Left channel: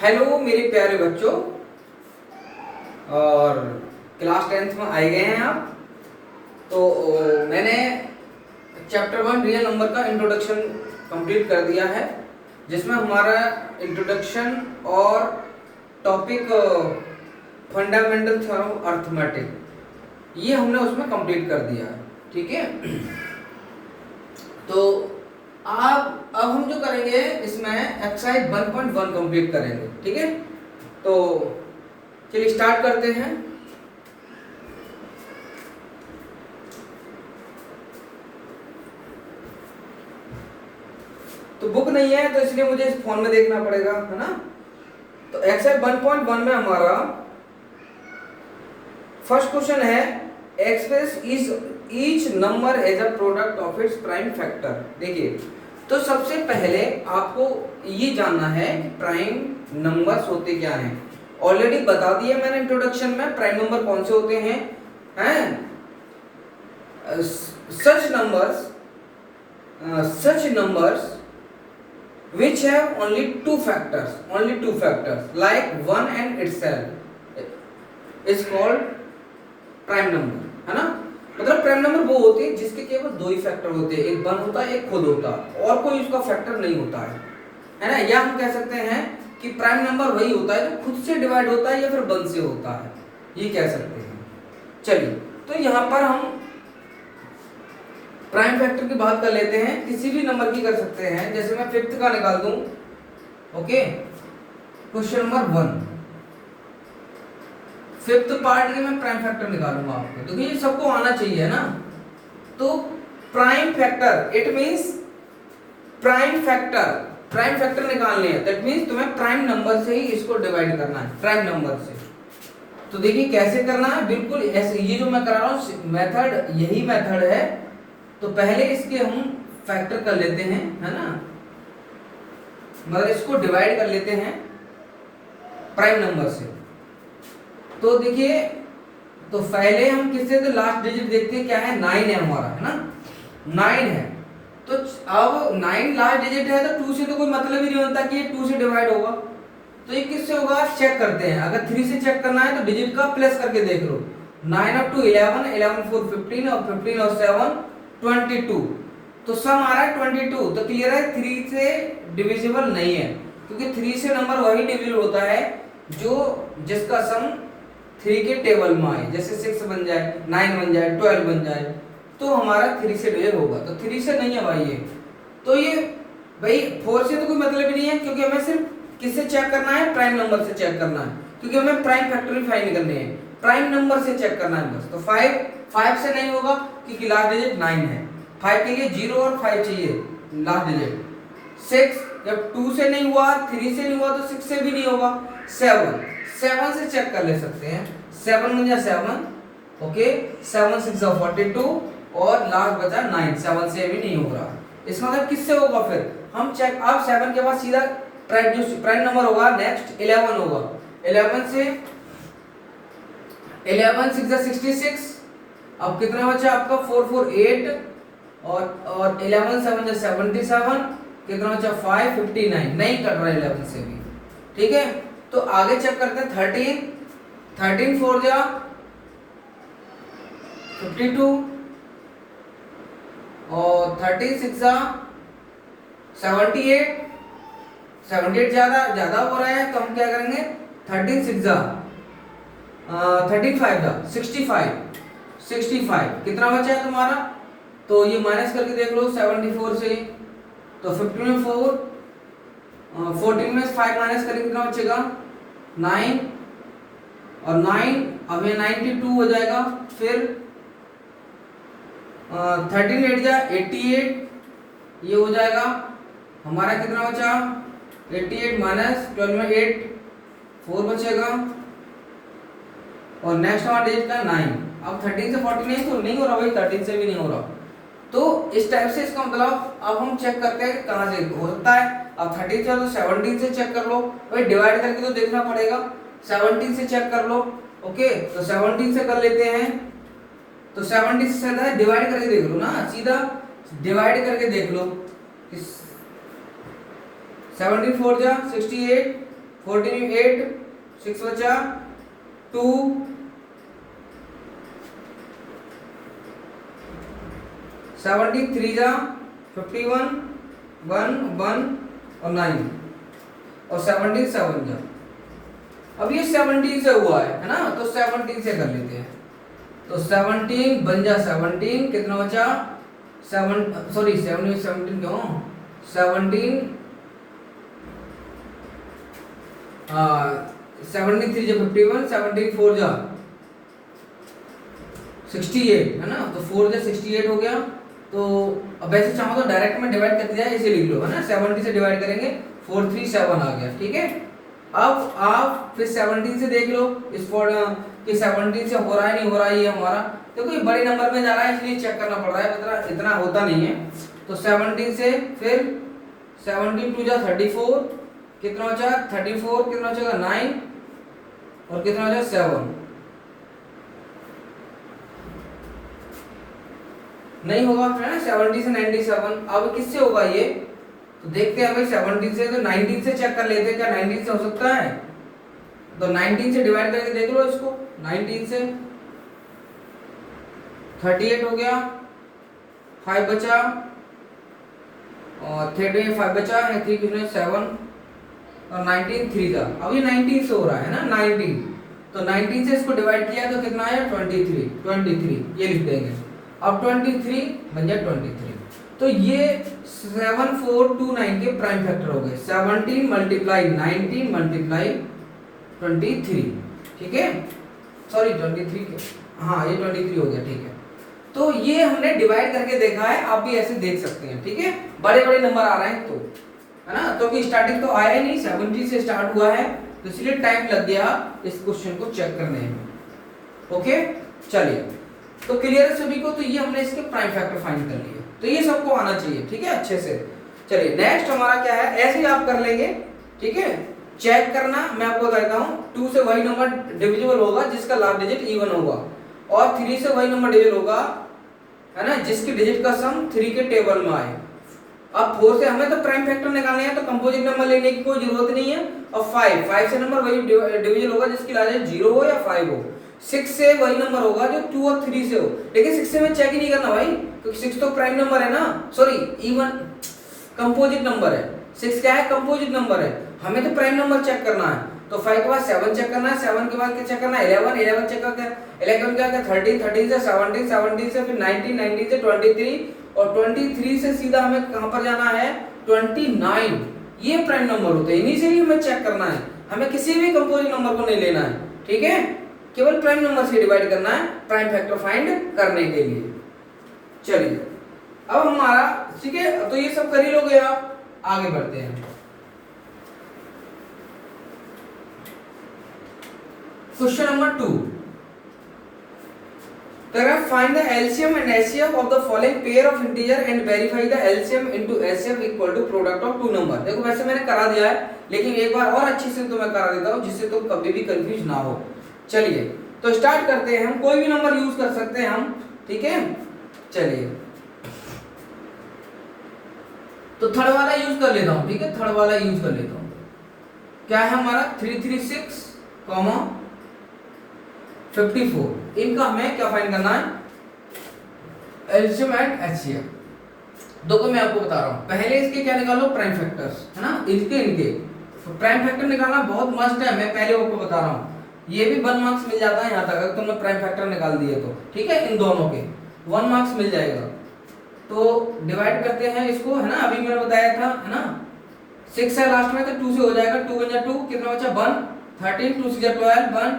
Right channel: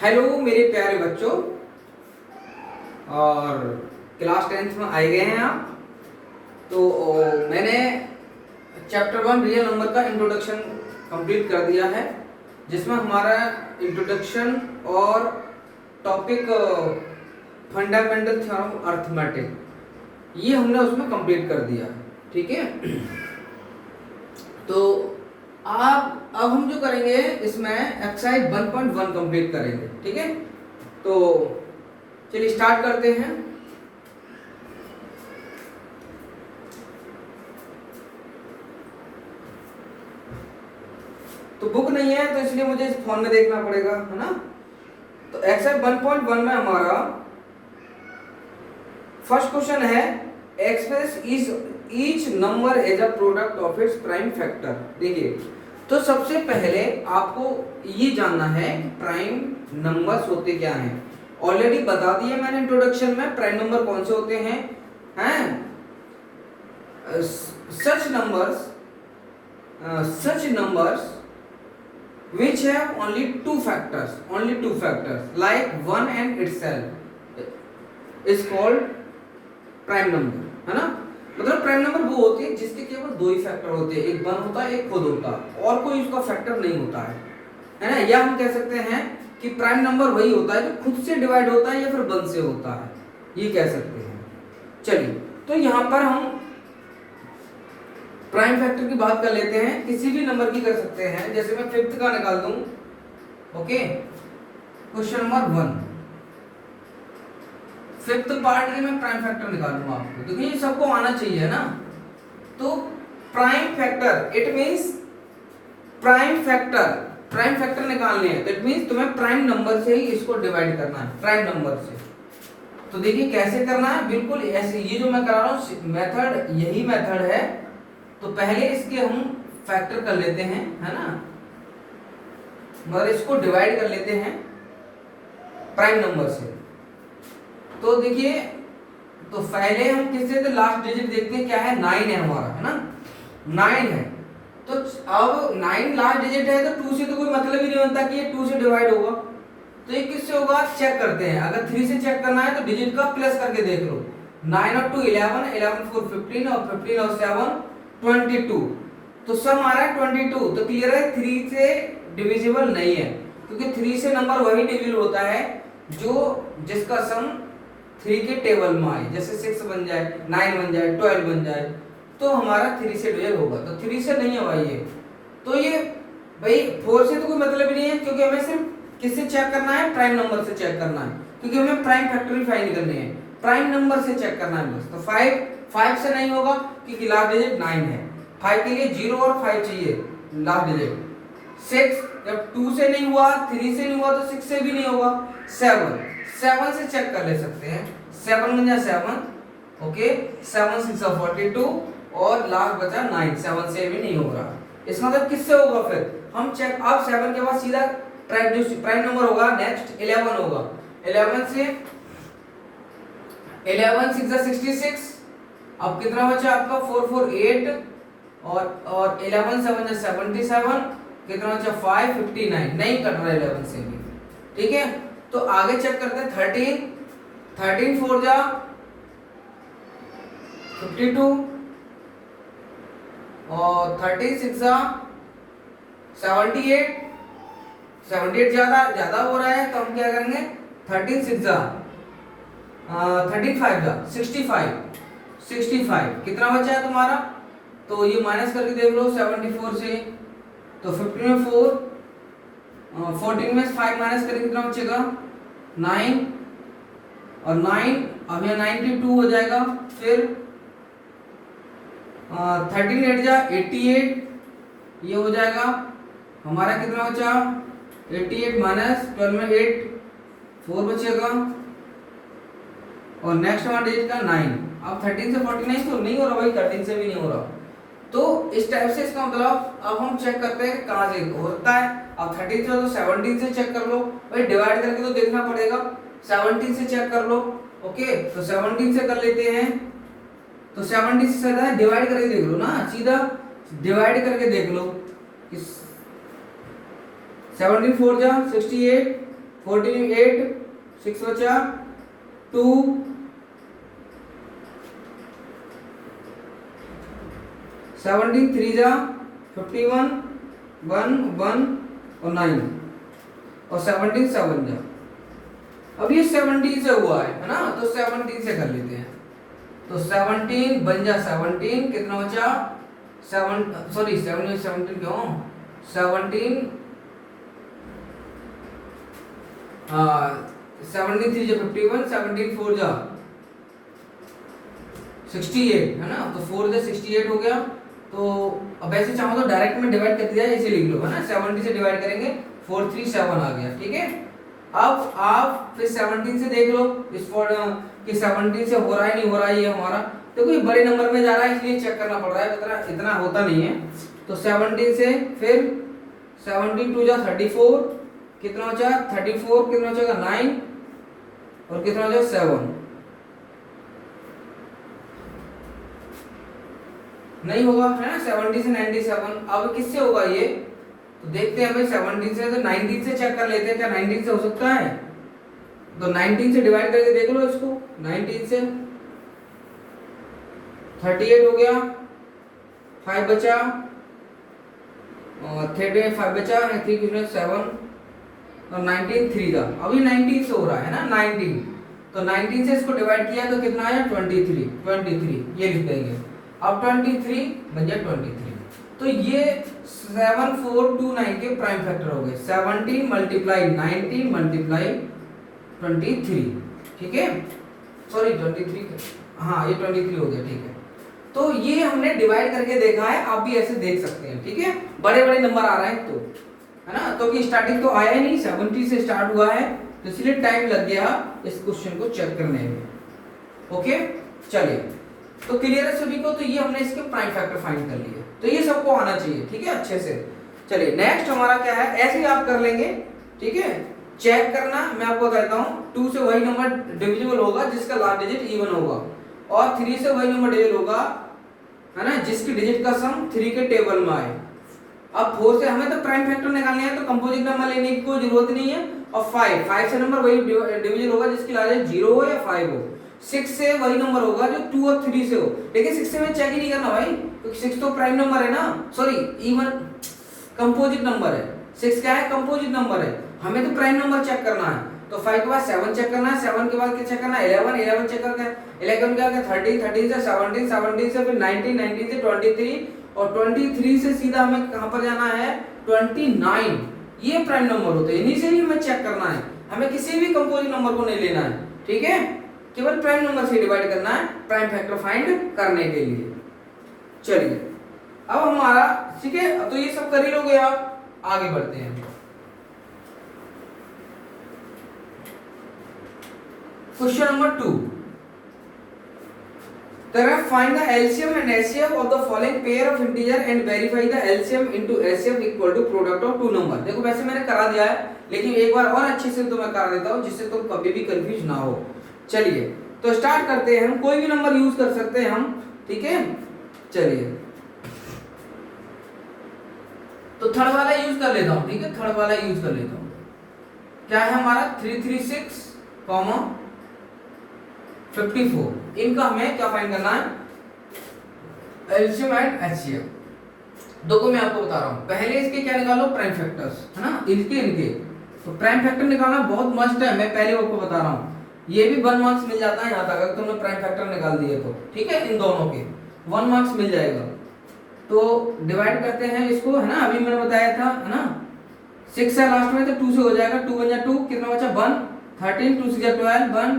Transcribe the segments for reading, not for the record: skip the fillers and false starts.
Hello मेरे प्यारे बच्चों, और क्लास 10th में आए गए हैं आप। तो मैंने चैप्टर 1 रियल नंबर का इंट्रोडक्शन कंप्लीट कर दिया है, जिसमें हमारा इंट्रोडक्शन और topic fundamental theorem of arithmetic ये हमने उसमें कंप्लीट कर दिया है। ठीक है, तो अब हम जो करेंगे इसमें एक्सरसाइज 1.1 कंप्लीट करेंगे। ठीक है, तो चलिए स्टार्ट करते हैं। तो बुक नहीं है तो इसलिए मुझे इस फोन में देखना पड़ेगा, है ना। तो एक्सरसाइज 1.1 में हमारा फर्स्ट क्वेश्चन है express each number as a product of its prime factor. देखिए, तो सबसे पहले आपको ये जानना है कि प्राइम नंबर्स होते क्या हैं। ऑलरेडी बता दिया मैंने इंट्रोडक्शन में प्राइम नंबर कौन से होते हैं। सच numbers which have only two factors like 1 and itself is called prime number, है ना। मतलब प्राइम नंबर वो होते हैं जिसके केवल दो ही फैक्टर होते हैं, एक 1 होता है, एक खुद होता है, और कोई उसका फैक्टर नहीं होता है ना। या हम कह सकते हैं कि प्राइम नंबर वही होता है जो खुद से डिवाइड होता है या फिर 1 से होता है, ये कह सकते हैं। चलिए, तो यहाँ पर हम प्राइम फैक्टर की बात कर लेते हैं। किसी भी नंबर की कर सकते हैं, जैसे मैं 5th का निकाल दूं। Okay, question number 1 5th part में मैं प्राइम फैक्टर निकालूंगा आपको। देखिए, ये सबको आना चाहिए ना। तो prime factor it means prime factor निकालने हैं, दैट मींस तुम्हें प्राइम नंबर से ही इसको डिवाइड करना है, प्राइम नंबर से। तो देखिए कैसे करना है, बिल्कुल ऐसे। ये जो मैं करा रहा हूं मेथड, यही मेथड है। तो पहले इसके हम फैक्टर कर लेते हैं, है ना, मतलब इसको डिवाइड कर लेते हैं प्राइम नंबर से। तो देखिए, तो पहले हम किससे, तो लास्ट डिजिट देखते हैं क्या है, 9 है हमारा, है ना, 9 है। तो अब 9 लास्ट डिजिट है, तो 2 से तो कोई मतलब ही नहीं होता कि ये 2 से डिवाइड होगा। तो ये किससे होगा, चेक करते हैं। अगर 3 से चेक करना है तो डिजिट का प्लस करके देख लो। 9 और 2 11, 11 4 15, और 15 और 7 22। तो सम आ रहा है 22। तो क्लियर है 3 से डिविजिबल नहीं है, क्योंकि 3 से नंबर वही डिविजिबल होता है जो जिसका सम 3 के टेबल में आए। जैसे 6 बन जाए, 9 बन जाए, 12 बन जाए, तो हमारा 3 से डिविजिबल होगा। तो 3 से नहीं है भाई ये। तो ये भाई 4 से तो कोई मतलब ही नहीं है, क्योंकि हमें सिर्फ किससे चेक करना है, प्राइम नंबर से चेक करना है, क्योंकि हमें प्राइम फैक्टर फाइंड करने हैं, प्राइम नंबर से चेक करना है बस। तो 5 से नहीं होगा क्योंकि लास्ट डिजिट 9 है। 5 के लिए 0 और 5 चाहिए लास्ट डिजिट। 6 जब 2 से नहीं हुआ, 3 से नहीं हुआ, तो 6 से भी नहीं होगा। 7 से चेक कर ले सकते हैं। 7 बन जाए 7, ओके, 7 6 42, और लास्ट बचा 9, 7 से भी नहीं हो रहा। इसका मतलब किससे होगा, फिर हम चेक। अब 7 के बाद सीधा प्राइम नंबर होगा, नेक्स्ट 11 होगा। 11 से 11 6 66। अब कितना बचा आपका, 4 4 8, और 11 7 77, कितना बचा 5 59। नहीं कट रहा 11 से भी। ठीक है, तो आगे चेक करते हैं 13 4 जा 52, और 36 जा 78 ज्यादा हो रहा है, तो हम क्या करेंगे, 13 6 जा 35 जा 65। कितना बचा है तुम्हारा, तो ये माइनस करके देख लो 74 से। तो 15 में 4, 14 में 5 माइनस करके कितना बचेगा, 9, और 9 अब ये 92 हो जाएगा। फिर 13 8 जा 88, ये हो जाएगा हमारा। कितना बचा, 88 माइनस 12 में 8 4 बचेगा, और नेक्स्ट हमारा डिजिट का 9। अब 13 से 49 तो नहीं हो रहा भाई, 13 से भी नहीं हो रहा। तो इस टाइप से इसका मतलब अब हम चेक करते हैं कहां से हो सकता है। अब 13 से तो 17 से चेक कर लो भाई, डिवाइड करके तो देखना पड़ेगा। 17 से चेक कर लो, ओके। तो 17 से कर लेते हैं। तो 70 से सीधा डिवाइड करके देख लो ना, सीधा डिवाइड करके देख लो। 74 जा 68, 14 8 6 बचा 2 17 3 जा 51 1 1 और 9 और 17 7 जा। अब ये 17 से हुआ है ना, तो 17 से कर लेते हैं। तो 17 बन जा 17 कितना बचा 7 सॉरी 17 क्यों 17 17 3 जा 51 17 4 जा 68 है ना, तो 4 जा 68 हो गया। तो अब ऐसे चाहो तो डायरेक्ट में डिवाइड कर दिया, इसे लिख लो है ना, 70 से डिवाइड करेंगे 437 आ गया। ठीक है, अब आप फिर 17 से देख लो इस कि 17 से हो रहा है नहीं हो रहा है। ये हमारा देखो ये बड़े नंबर में जा रहा है इसलिए चेक करना पड़ रहा है, इतना होता नहीं है। तो 17 से फिर 17 2 जा 34 कितना बचा 34 कितना बचेगा 9 और कितना बचा 7 नहीं होगा है ना। 70 से 97 अब किससे होगा ये, तो देखते हैं भाई 17 से तो 19 से चेक कर लेते हैं क्या 19 से हो सकता है। तो 19 से डिवाइड करके देख लो इसको, 19 से 38 हो गया 5 बचा और 5 बचा 3 कितने 7 और 19 3 था। अभी 19 से हो रहा है ना 19, तो 19 से इसको डिवाइड किया तो कितना आया 23 ये लिख देंगे। अब 23 बन जाए 23। तो ये 7429 के प्राइम फैक्टर हो गए 17 मल्टीप्लाई 19 मल्टीप्लाई 23। ठीक है सॉरी 23 हाँ ये 23 हो गया। ठीक है, तो ये हमने डिवाइड करके देखा है, आप भी ऐसे देख सकते हैं। ठीक है, बड़े बड़े नंबर आ रहे हैं तो है ना, तो कि स्टार्टिंग तो आया नहीं 70 से स्टार्ट हुआ है तो इसलिए टाइम लग गया इस क्वेश्चन को चेक करने में। ओके चलिए, तो क्लियर है सभी को। तो ये हमने इसके प्राइम फैक्टर फाइंड कर लिए, तो ये सबको आना चाहिए। ठीक है अच्छे से। चलिए नेक्स्ट हमारा क्या है, ऐसे ही आप कर लेंगे। ठीक है, चेक करना मैं आपको कहता हूं 2 से वही नंबर डिविजिबल होगा जिसका लास्ट डिजिट इवन होगा, और 3 से वही नंबर डिविजिबल होगा है ना जिसकी डिजिट का सम 3 के टेबल में आए। अब 4 से हमें तो प्राइम फैक्टर निकालने हैं तो कंपोजिट नंबर लेने की कोई जरूरत नहीं है। और 5 से नंबर वही डिविजिबल होगा जिसकी लास्ट डिजिट 0 हो या 5 हो। 6 से वही नंबर होगा जो 2 और 3 से हो, लेकिन 6 से मैं चेक ही नहीं करना भाई क्योंकि 6 तो प्राइम नंबर है ना, सॉरी इवन कंपोजिट नंबर है। 6 क्या है कंपोजिट नंबर है, हमें तो प्राइम नंबर चेक करना है। तो 5 के बाद 7 चेक करना है, 7 के बाद क्या चेक करना है 11 चेक करके 11 क्या 13 से 17 से फिर 19 से 23 और 23 से सीधा हमें कहां पर जाना है 29। ये प्राइम नंबर होते हैं, इन्हीं से भी हमें चेक करना है, हमें किसी भी कंपोजिट नंबर को नहीं लेना है। ठीक है, केवल प्राइम नंबर से डिवाइड करना है प्राइम फैक्टर फाइंड करने के लिए। चलिए अब हमारा ठीक है, तो ये सब कर ही लोगे आप, आगे बढ़ते हैं। Question number 2, find the LCM and HCF of the following pair of integer and verify the LCM into HCF equal to product of two number। देखो वैसे मैंने करा दिया है लेकिन एक बार और अच्छे से तुम्हें करा देता हूं जिससे तुम कभी भी कंफ्यूज ना हो। चलिए तो स्टार्ट करते हैं, हम कोई भी नंबर यूज कर सकते हैं हम। ठीक है चलिए, तो थर्ड वाला यूज कर लेता हूं। ठीक है, थर्ड वाला यूज कर लेता हूं। क्या है हमारा 336 54, इनका हमें क्या फाइंड करना है एलसीएम एंड एचसीएफ। देखो मैं आपको बता रहा हूं, पहले इसके क्या निकालो प्राइम फैक्टर्स है ना, इनके तो प्राइम फैक्टर निकालना बहुत मस्त है, मैं पहले आपको बता रहा हूं। ये भी 1 मार्क्स मिल जाता है यहाँ तक अगर तुमने प्राइम फैक्टर निकाल दिए तो। ठीक है, इन दोनों के 1 मार्क्स मिल जाएगा। तो डिवाइड करते हैं इसको है ना, अभी मैंने बताया था है ना 6 है लास्ट में तो 2 से हो जाएगा, 2 1 2 कितना बचा 1 13 2 6 12 1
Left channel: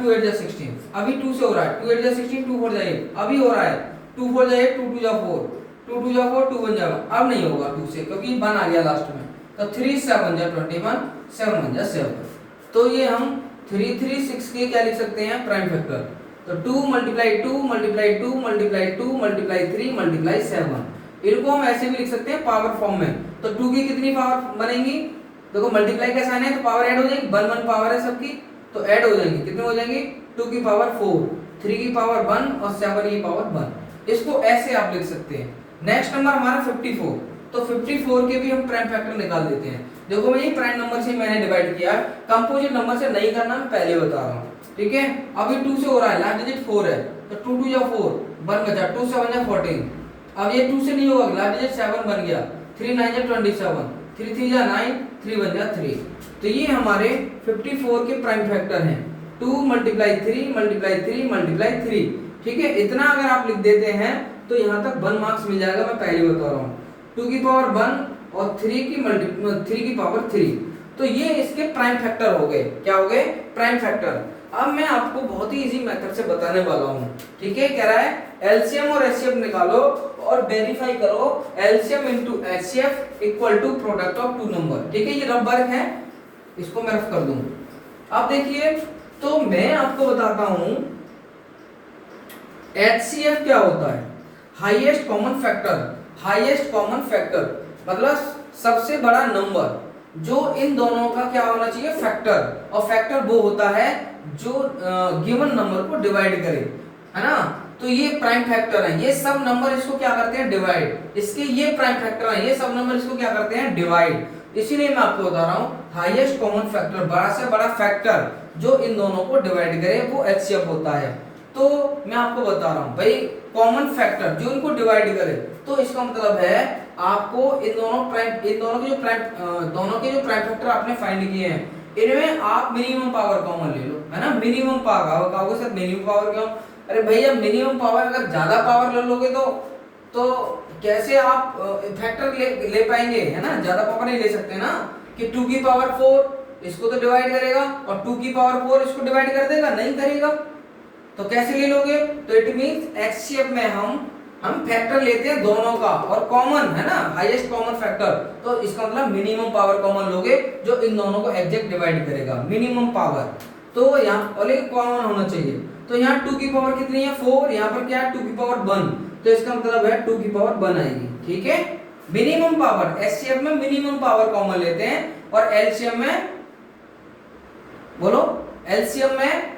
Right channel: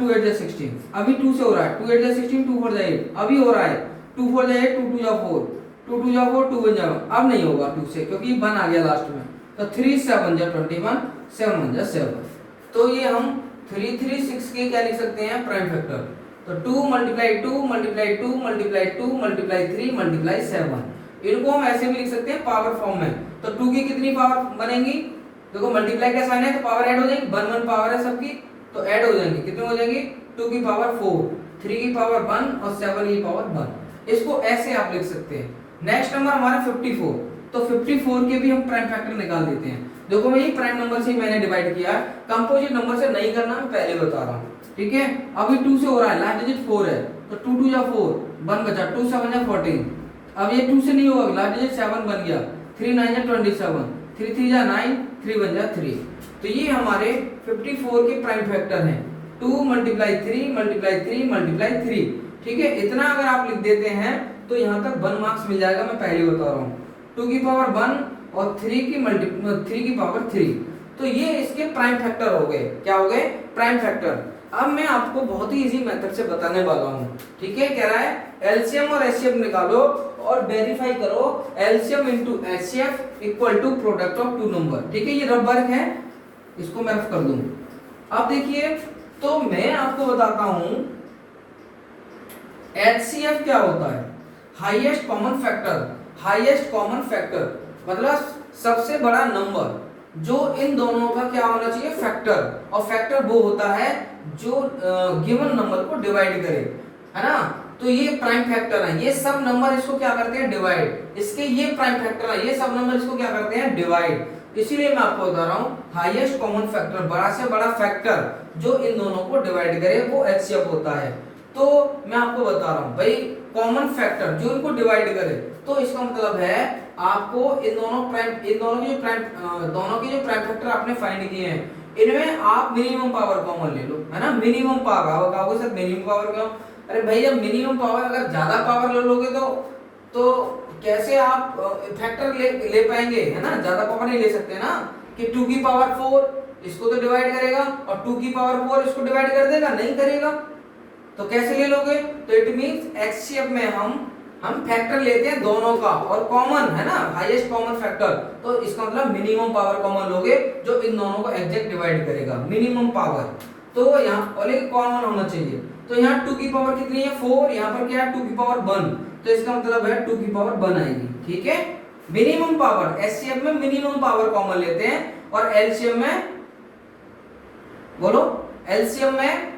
2 8 16। अभी 2 से हो रहा है 2 8 16 2 4 8, अभी हो रहा है 2 4 8 2 2 4 2 2 4 2 1 अब नहीं होगा 2 से क्योंकि 1 आ गया लास्ट में। तो 3 7 21 7 1 7। तो ये हम 336 के क्या लिख सकते हैं प्राइम फैक्टर। तो 2 multiply 2 multiply 2 multiply 2 multiply 3 multiply 7। इनको हम ऐसे भी लिख सकते हैं पावर फॉर्म में। तो 2 की कितनी पावर बनेगी, देखो मल्टीप्लाई का साइन है तो पावर ऐड हो जाएगी, 1 1 पावर है सबकी तो ऐड हो जाएंगे, कितने हो जाएंगे 2 की पावर 4 3 की पावर 1 और 7 की पावर 1। इसको ऐसे आप लिख सकते हैं। नेक्स्ट नंबर हमारा 54, तो 54 के भी हम प्राइम फैक्टर निकाल देते हैं। देखो मैं ये प्राइम नंबर से मैंने डिवाइड किया है, कंपोजिट नंबर से नहीं करना, मैं पहले बता रहा हूँ। ठीक है, अभी 2 से हो रहा है, लास्ट डिजिट 4 है, तो 2 2 जा 4, 1 बचा, 2 7 जा 14। अब ये 2 से नहीं होगा, लास्ट डिजिट 7 बन गया, 3 9 जा 27, 3 3 जा 9, 3 1 जा 3। तो ये हमारे 54 के प्राइम फैक्टर हैं, 2 मल्टीप्लाई 3 मल्टीप्लाई 3 मल्टीप्लाई 3। ठीक है, इतना अगर आप लिख देते हैं तो यहाँ तक 1 मार्क्स मिल जाएगा, मैं पहले बता रहा हूँ। 2 की पावर 1 और 3 की पावर 3, तो ये इसके प्राइम फैक्टर हो गए। क्या हो गए? Prime factor. अब मैं आपको बहुत ही इजी मेथड से बताने वाला हूँ। ठीक है, कह रहा है एलसीएम और एचसीएफ निकालो और वेरीफाई करो LCM into HCF equal to product of two number. ठीक है, ये रफ वर्क है, इसको मैं रफ कर दूं। अब देखिए, तो मैं आपको बताता हूं एचसीएफ क्या होता है, highest common factor. Highest common factor मतलब सबसे बड़ा नंबर जो इन दोनों का क्या होना चाहिए, फैक्टर। और फैक्टर वो होता है जो गिवन नंबर को डिवाइड करे, है ना। तो ये प्राइम फैक्टर है, ये सब नंबर इसको क्या करते हैं, डिवाइड। इसके ये प्राइम फैक्टर है, ये सब नंबर इसको क्या करते हैं, डिवाइड। इसीलिए मैं आपको बता रहा हूँ हाईएस्ट कॉमन फैक्टर, बड़ा से बड़ा फैक्टर जो इन दोनों को डिवाइड करे वो एचसीएफ होता है। तो मैं आपको बता रहा हूँ भाई, कॉमन फैक्टर जो इनको डिवाइड करे, तो इसका मतलब है आपको इन दोनों के जो प्राइम फैक्टर आपने फाइंड किए हैं, इनमें आप मिनिमम पावर कॉमन ले लो, है ना। Minimum power sir minimum power क्यों? अरे भैया मिनिमम पावर, अगर ज्यादा पावर ले लोगे तो कैसे आप फैक्टर ले पाएंगे, है ना। ज्यादा पावर नहीं ले सकते ना, कि 2 की पावर 4 इसको तो डिवाइड करेगा और 2 की पावर 4 इसको डिवाइड कर देगा, नहीं करेगा। तो कैसे ले लोगे? तो इट मींस एचसीएफ में हम फैक्टर लेते हैं दोनों का और कॉमन, है ना, हाईएस्ट कॉमन फैक्टर। तो इसका मतलब मिनिमम पावर कॉमन लोगे जो इन दोनों को एग्जैक्ट डिवाइड करेगा, मिनिमम पावर। तो यहाँ और एक कॉमन होना चाहिए। तो यहाँ 2 की पावर कितनी है, 4, यहाँ पर क्या है 2 की पावर 1, तो इसका मतलब है 2 की पावर 1 आएगी। ठीक है, मिनिमम पावर, एचसीएफ में मिनिमम पावर कॉमन लेते हैं और एलसीएम में, बोलो, एलसीएम में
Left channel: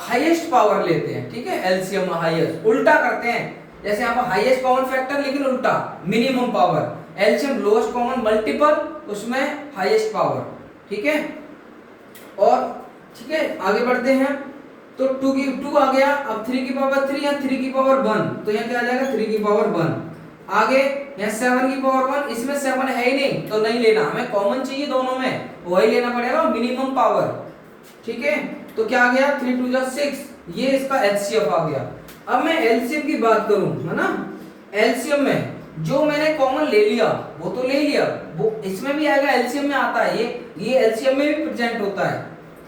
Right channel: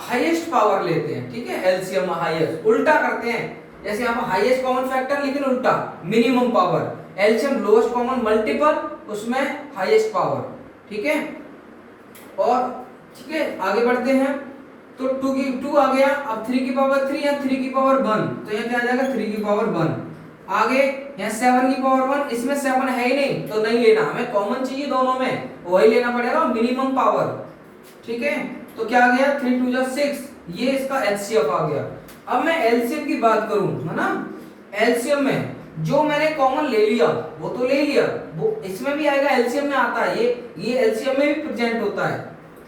हाईएस्ट पावर लेते हैं। ठीक है, एलसीएम हाईएस्ट, उल्टा करते हैं। जैसे यहाँ पर हाईएस्ट कॉमन फैक्टर लेकिन उल्टा, minimum power, LCM lowest common multiple, उसमें हाईएस्ट पावर। ठीक है, और ठीक है आगे बढ़ते हैं। तो 2 आ गया, अब 3 की पावर 3 या 3 की पावर 1, तो यहाँ क्या आ जाएगा 3 की पावर 1। आगे यहाँ 7 की पावर 1, इसमें 7 है ही नहीं तो नहीं लेना, हमें कॉमन चाहिए दोनों में, वही लेना पड़ेगा, मिनिमम पावर। ठीक है, तो क्या आ गया 3 2 जा 6, ये इसका एलसीएम आ गया। अब मैं एलसीएम की बात करूं, है ना, एलसीएम में जो मैंने कॉमन ले लिया वो तो ले लिया, वो इसमें भी आएगा, एलसीएम में आता है, ये एलसीएम में भी प्रेजेंट होता है।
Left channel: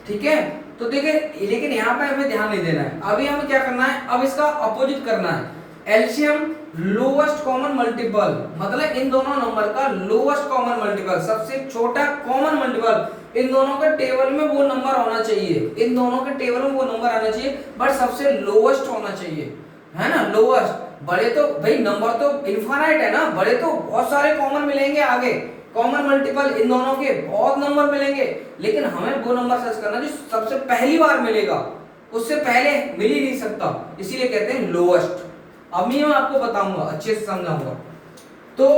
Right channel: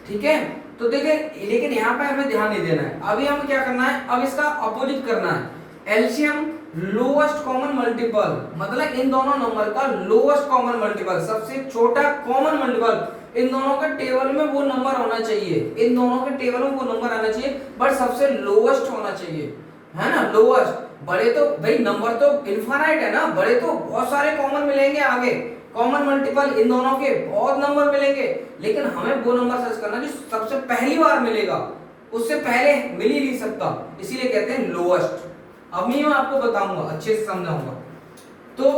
ठीक है, तो देखिए, लेकिन यहाँ पे हमें ध्यान नहीं देना है। अभी हमें क्या करना है, अब इसका अपोजिट करना है। एलसीएम लोएस्ट कॉमन मल्टीपल, मतलब इन दोनों नंबर का लोएस्ट कॉमन मल्टीपल, सबसे छोटा कॉमन मल्टीपल। इन दोनों के टेबल में वो नंबर होना चाहिए, इन दोनों के टेबल में वो नंबर आना चाहिए, बट सबसे लोएस्ट होना चाहिए, है ना, लोएस्ट। बड़े तो भाई नंबर तो इनफाइनाइट है ना, बड़े तो बहुत सारे कॉमन मिलेंगे आगे, कॉमन मल्टीपल इन दोनों के बहुत नंबर मिलेंगे, लेकिन हमें वो नंबर सर्च करना जो सबसे पहली बार मिलेगा, उससे पहले मिल ही नहीं सकता, इसीलिए कहते हैं लोएस्ट। अब मैं आपको बताऊंगा, अच्छे से समझाऊंगा। तो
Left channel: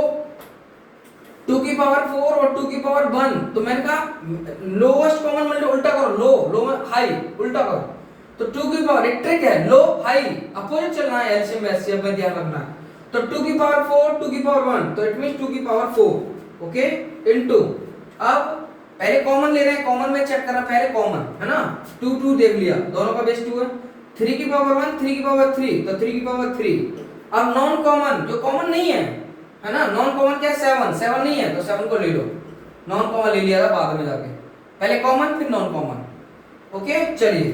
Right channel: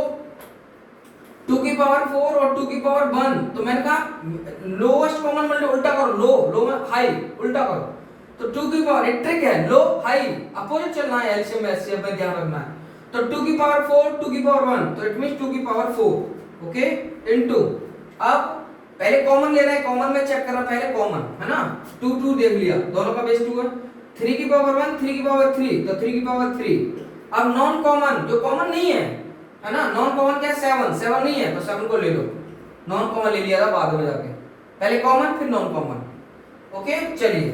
2 की पावर 4 और 2 की पावर 1, तो मैंने कहा लोएस्ट कॉमन मल्टीपल उल्टा करो, लो में हाई, उल्टा करो। तो 2 की पावर, एक ट्रिक है, लो हाई अपोजिट चलना है, एलसीएम एचसीएफ में ध्यान रखना है। तो 2 की पावर 4 2 की पावर 1, तो इट मींस 2 की पावर 4, ओके, इनटू, अब पहले कॉमन ले रहे हैं, कॉमन में चेक करना, पहले कॉमन, है ना, 2 2 देख लिया, दोनों का बेस 2 है। 3 की पावर 1 3 की पावर 3, तो 3 की पावर 3। अब नॉन कॉमन, जो कॉमन नहीं है ना, नॉन कॉमन क्या, 7 नहीं है तो 7 को ले लो, नॉन कॉमन ले लिया था बाद में जाके, पहले कॉमन फिर नॉन कॉमन। ओके, चलिए,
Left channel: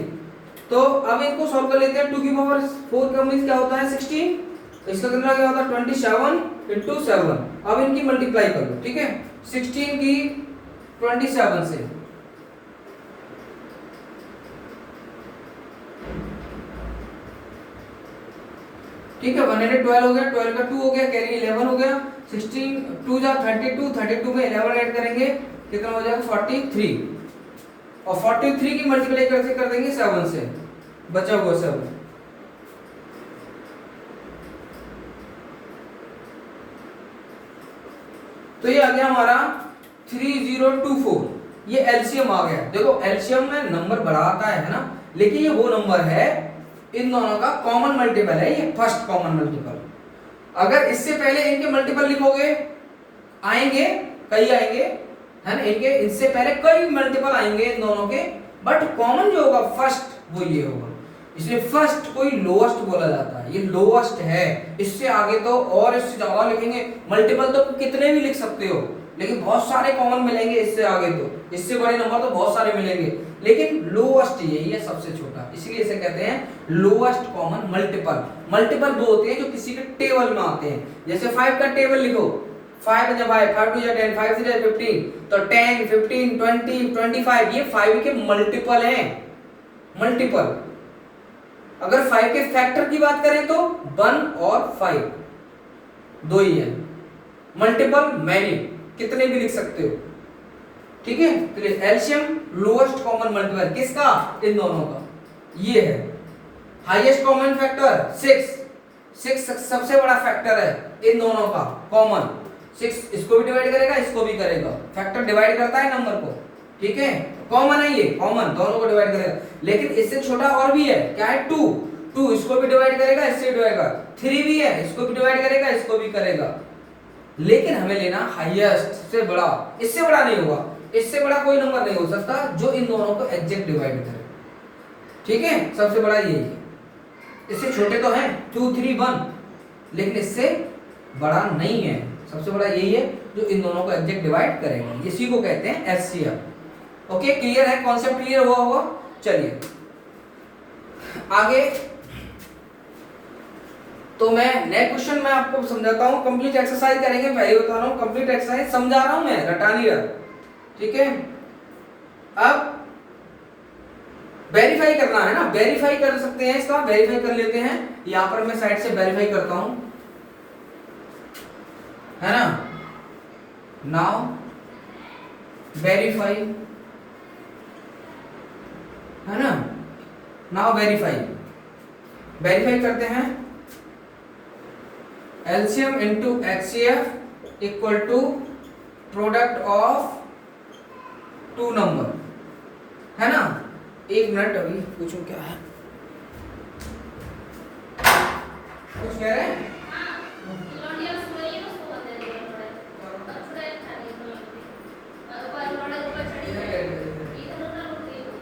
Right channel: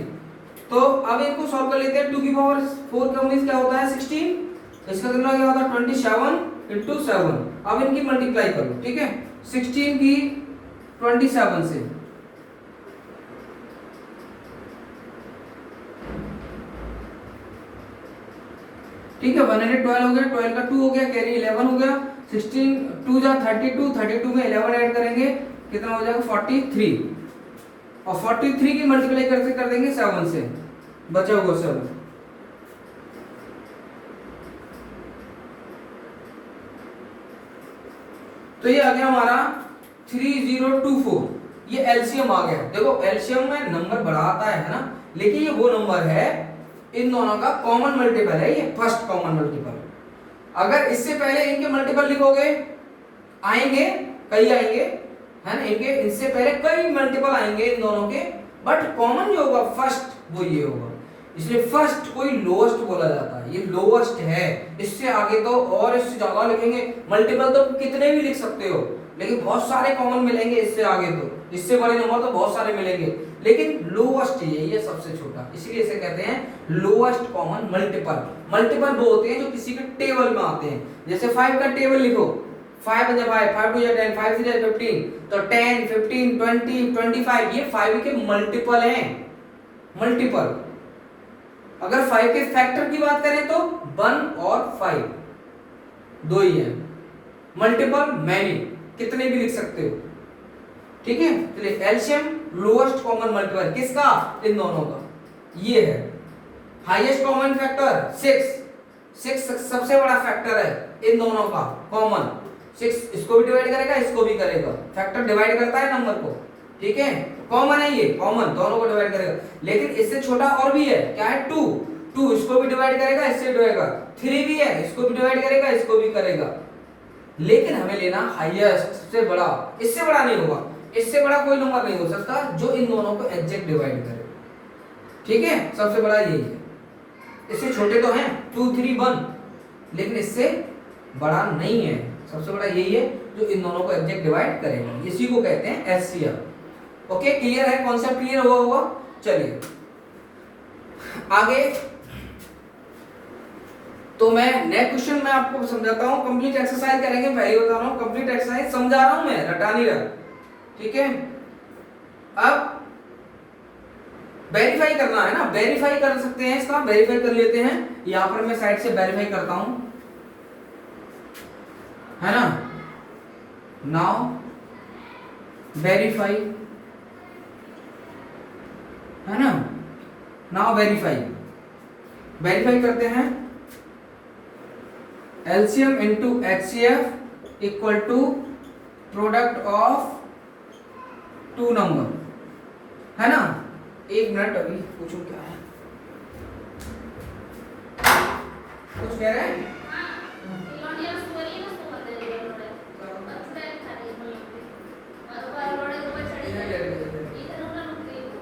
तो अब इनको सॉल्व कर लेते हैं। 2 की पावर 4 का मींस क्या होता है 16, तो इसका कितना क्या होता है 27 into 7। अब इनकी मल्टीप्लाई कर लो, ठीक है, 16 की 27 से, ठीक है, 112 हो गया, 12 का 2 हो गया, कैरी 11 हो गया, 16 2 जा 32, 32 में 11 ऐड करेंगे कितना हो जाएगा 43, और 43 की मल्टीप्लाई करके कर देंगे 7 से, बचा हुआ 7। तो ये आ गया हमारा 3024, ये एलसीएम आ गया। देखो एलसीएम में नंबर बड़ा आता है ना, लेकिन ये वो नंबर है इन दोनों का कॉमन मल्टीपल है, ये फर्स्ट कॉमन मल्टीपल। अगर इससे पहले इनके मल्टीपल लिखोगे आएंगे, कई आएंगे है ना, इनके इससे पहले कई मल्टीपल आएंगे इन दोनों के, बट कॉमन जो होगा फर्स्ट वो ये होगा, इसलिए फर्स्ट कोई लोएस्ट बोला जाता है, ये लोएस्ट है। इससे आगे तो और इससे ज्यादा लिखेंगे, मल्टीपल तो कितने भी लिख सकते हो, लेकिन बहुत सारे कॉमन मिलेंगे इससे आगे, तो इससे बड़े नंबर तो बहुत सारे मिलेंगे, लेकिन लोएस्ट ये सबसे छोटा, इसीलिए इसे कहते हैं लोएस्ट कॉमन मल्टीपल। मल्टीपल वो होते हैं जो किसी के टेबल में आते हैं, जैसे 5 का टेबल लिखो, 5 × 5, 5 × 10, 5 × 15, तो 10, 15, 20, 25 ये 5 के मल्टीपल हैं, मल्टीपल। अगर 5 के फैक्टर की बात करें तो 1 और 5 दो ही है, मल्टीपल मैनी कितने भी लिख सकते हो, ठीक है। तो एलसीएम लोएस्ट कॉमन मल्टीपल किसका, इन दोनों का, ये है। हाईएस्ट कॉमन फैक्टर 6 सबसे बड़ा फैक्टर है इन दोनों का कॉमन, 6 इसको भी डिवाइड करेगा, इसको भी करेगा, फैक्टर डिवाइड करता है नंबर को, ठीक है, कॉमन है ये, कॉमन दोनों को डिवाइड करेगा। लेकिन इससे छोटा और भी है, क्या है, 2 इसको भी डिवाइड करेगा, इससे भी डिवाइड करेगा, 3 भी है, इसको भी डिवाइड करेगा, इसको भी करेगा। लेकिन हमें लेना हाईएस्ट, सबसे बड़ा, इससे बड़ा नहीं होगा, इससे बड़ा कोई नंबर नहीं हो सकता जो इन दोनों को एग्जैक्ट डिवाइड करे, ठीक है, सबसे बड़ा यही है। इससे छोटे तो हैं 2, 3, 1, लेकिन इससे बड़ा नहीं है, सबसे बड़ा यही है जो इन दोनों को एग्जैक्ट डिवाइड करेगा, इसी को कहते हैं एचसीएफ। ओके, क्लियर है, कॉन्सेप्ट क्लियर हुआ होगा। चलिए आगे, तो मैं नेक्स्ट क्वेश्चन मैं आपको समझाता हूं, कंप्लीट एक्सरसाइज करेंगे, पहले बता रहा हूं कंप्लीट एक्सरसाइज समझा रहा हूं मैं, रटा नहीं रहा, ठीक है। अब वेरीफाई करना है ना, वेरीफाई कर सकते हैं इसका, वेरीफाई कर लेते हैं, यहां पर मैं साइड से वेरीफाई करता हूं, है ना। नाउ वेरीफाई, है ना, नाउ वेरीफाई, वेरीफाई करते हैं। LCM into HCF equal to product of 2 number, है ना। 1 मिनट, अभी पूछो क्या है, कुछ कह रहे हैं।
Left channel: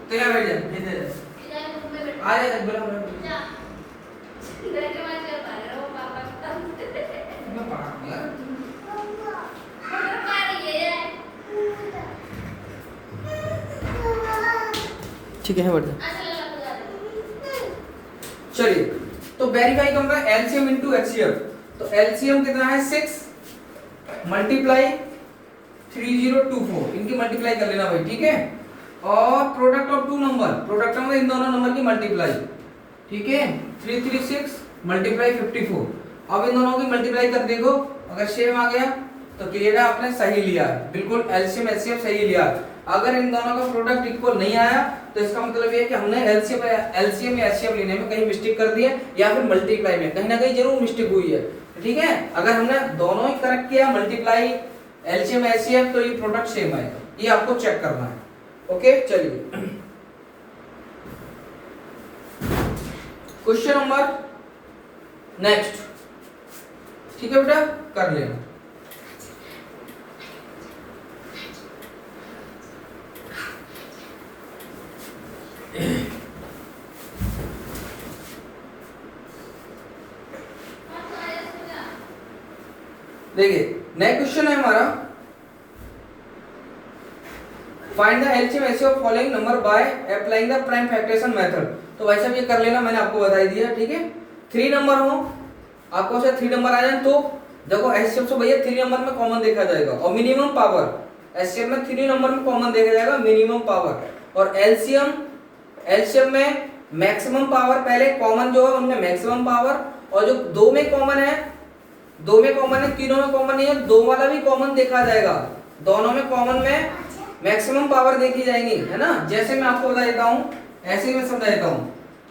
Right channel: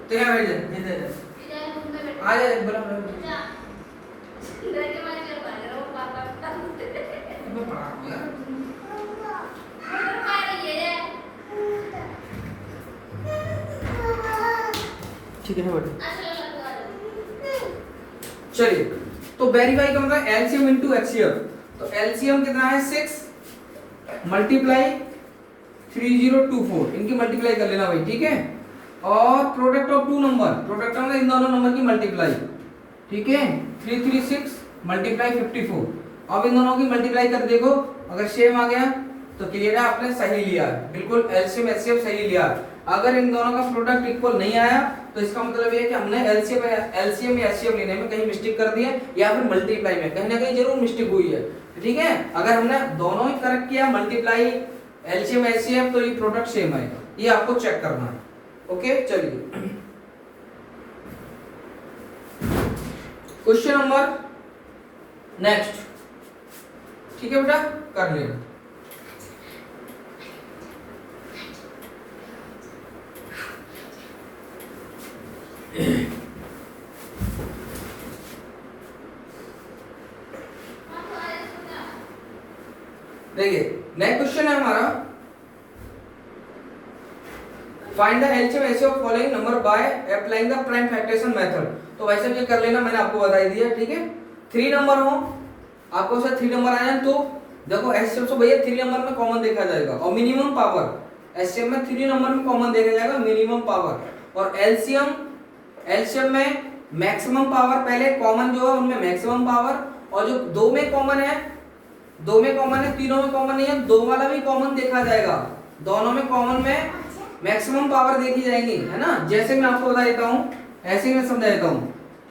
तेरा बैठ जा, आ जा, बोला ठीक है बेटा। चलिए, तो वेरीफाई कौन है, एलसीएम इंटू एचसीएफ, तो एलसीएम कितना है 6 मल्टीप्लाई 3024, इनकी मल्टीप्लाई कर लेना भाई, ठीक है। और प्रोडक्ट ऑफ 2 नंबर, प्रोडक्ट मतलब इन दोनों नंबर की मल्टीप्लाई, ठीक है, 336 मल्टीप्लाई 54। अब इन दोनों की मल्टीप्लाई कर देखो, अगर सेम आ गया तो क्लियर है, आपने सही लिया है, बिल्कुल एलसीएम एचसीएफ सही लिया। अगर इन दोनों का प्रोडक्ट इक्वल नहीं आया तो इसका मतलब ये है कि हमने एलसीएम या एचसीएफ लेने में कहीं मिस्टेक कर दी है, या फिर मल्टीप्लाई में कहीं ना कहीं जरूर मिस्टेक हुई है, ठीक है। अगर हमने दोनों ही करेक्ट किया, मल्टीप्लाई एलसीएम एचसीएफ, तो ये प्रोडक्ट सेम आएगा, ये आपको चेक करना है। ओके, चलिए क्वेश्चन नंबर नेक्स्ट, ठीक है बेटा, कर लेना। देखिए नेक्स्ट क्वेश्चन है हमारा, find the LCM HCF of following number by applying the prime factorization method. तो वैसे भी ये कर लेना, मैंने आपको बता दिया, ठीक है। 3 नंबर हो, आपको से 3 नंबर आ जाए तो देखो एचसीएफ से भैया 3 नंबर में कॉमन देखा जाएगा, और मिनिमम पावर एचसीएफ में 3 नंबर में कॉमन देखा जाएगा, मिनिमम पावर। और एलसीएम में मैक्सिमम पावर, पहले कॉमन जो है उनमें मैक्सिमम पावर, और जो 2 में कॉमन है, 2 में कॉमन है, तीनों में कॉमन नहीं है, 2 वाला भी कॉमन देखा जाएगा, दोनों में कॉमन में मैक्सिमम पावर देखी जाएगी, है ना। जैसे मैं आपको बता देता हूं, ऐसे ही मैं समझा देता हूं,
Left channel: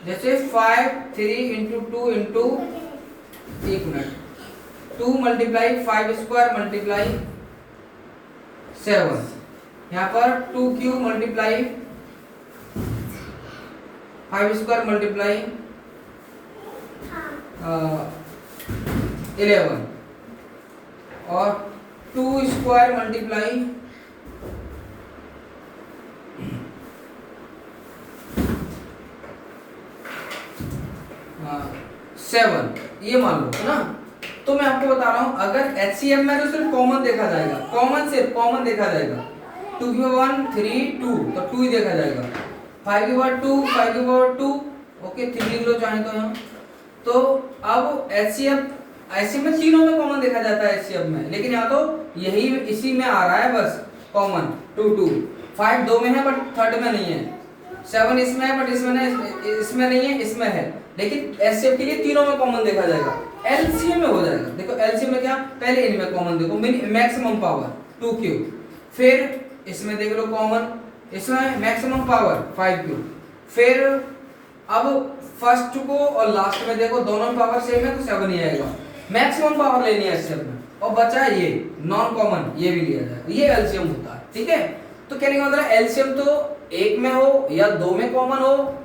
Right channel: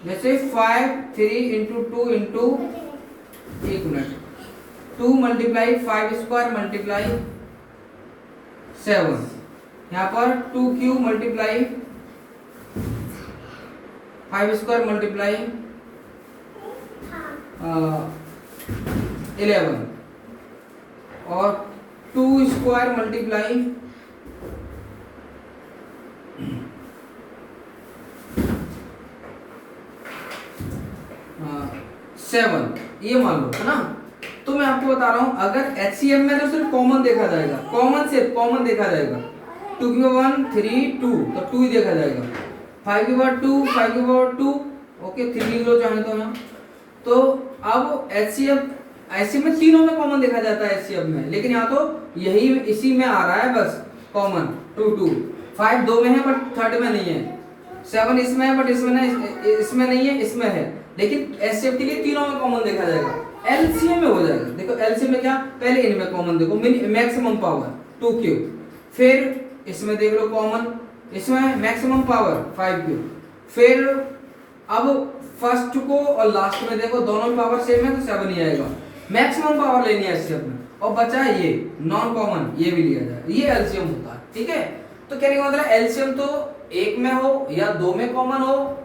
जैसे 5 3 into 2 into 1 minute 2 multiply 5 square multiply 7, यहाँ पर 2 क्यूब मल्टीप्लाई 5 स्क्वायर मल्टीप्लाई 11 और 2 स्क्वायर मल्टीप्लाई 7, ये मान लो है ना। तो मैं आपको बता रहा हूं अगर HCF में तो सिर्फ कॉमन देखा जाएगा, कॉमन देखा जाएगा। 2 की पावर 1 3 2 तो 2 ही देखा जाएगा। 5 की पावर 2 5 की पावर 2 ओके 3 लिख लो चाहे तो यहाँ। तो अब HCF में तीनों में कॉमन देखा जाता है HCF में, लेकिन यहाँ तो यही इसी में आ रहा है बस कॉमन 2 2। 5 दो में है बट थर्ड में नहीं है। 7 इसमें है बट इसमें नहीं है, इसमें है, लेकिन HCF के लिए तीनों में कॉमन देखा जाएगा। LCM में हो जाएगा। देखो LCM में क्या, पहले इनमें कॉमन देखो मैक्सिमम पावर 2 क्यूब, फिर इसमें देख लो कॉमन, इसमें मैक्सिमम पावर 5 क्यूब, फिर अब फर्स्ट को और लास्ट में देखो दोनों में पावर सेम है तो 7 ही आएगा। मैक्सिमम पावर लेनी है HCF में, और बचा ये नॉन कॉमन, ये भी लिया जाएगा। ये LCM होता है, ठीक है। तो कहने का मतलब LCM तो एक में हो या दो में कॉमन हो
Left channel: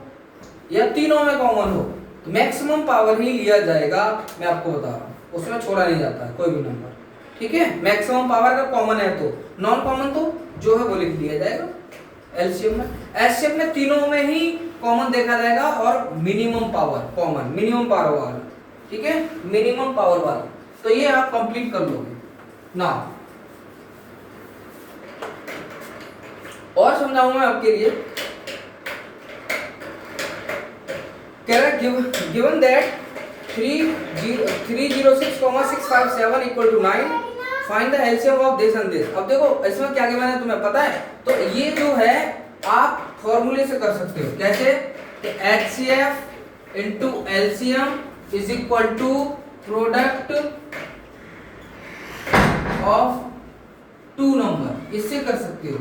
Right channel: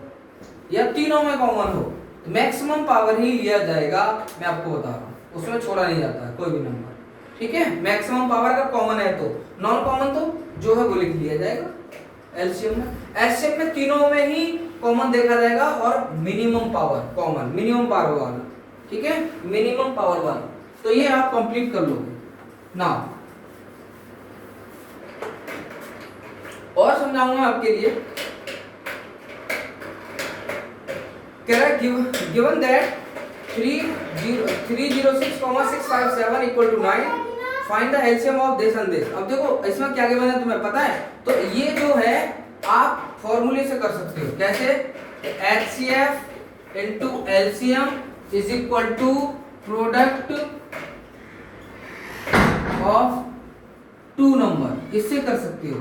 या तीनों में कॉमन हो, तो मैक्सिमम पावर ही लिया जाएगा। मैं आपको बता रहा हूँ, उसमें छोड़ा नहीं जाता है कोई भी नंबर, ठीक है। मैक्सिमम पावर का कॉमन है तो, नॉन कॉमन तो जो है वो लिख दिया जाएगा LCM में। HCF में तीनों में ही कॉमन देखा जाएगा और minimum power common, minimum power वाला, ठीक है, मिनिमम पावर वाला। तो ये आप कंप्लीट कर लोगे ना। और समझाऊंगा मैं आपके लिए। कह रहा है given that 306,657 equal to 9, find the LCM of this and this. अब देखो इसमें क्या गिवन है तुम्हें पता है, तो ये जो है आप फॉर्मूले से कर सकते हो। कैसे, HCF into LCM is equal to product of two number, इससे कर सकते हो।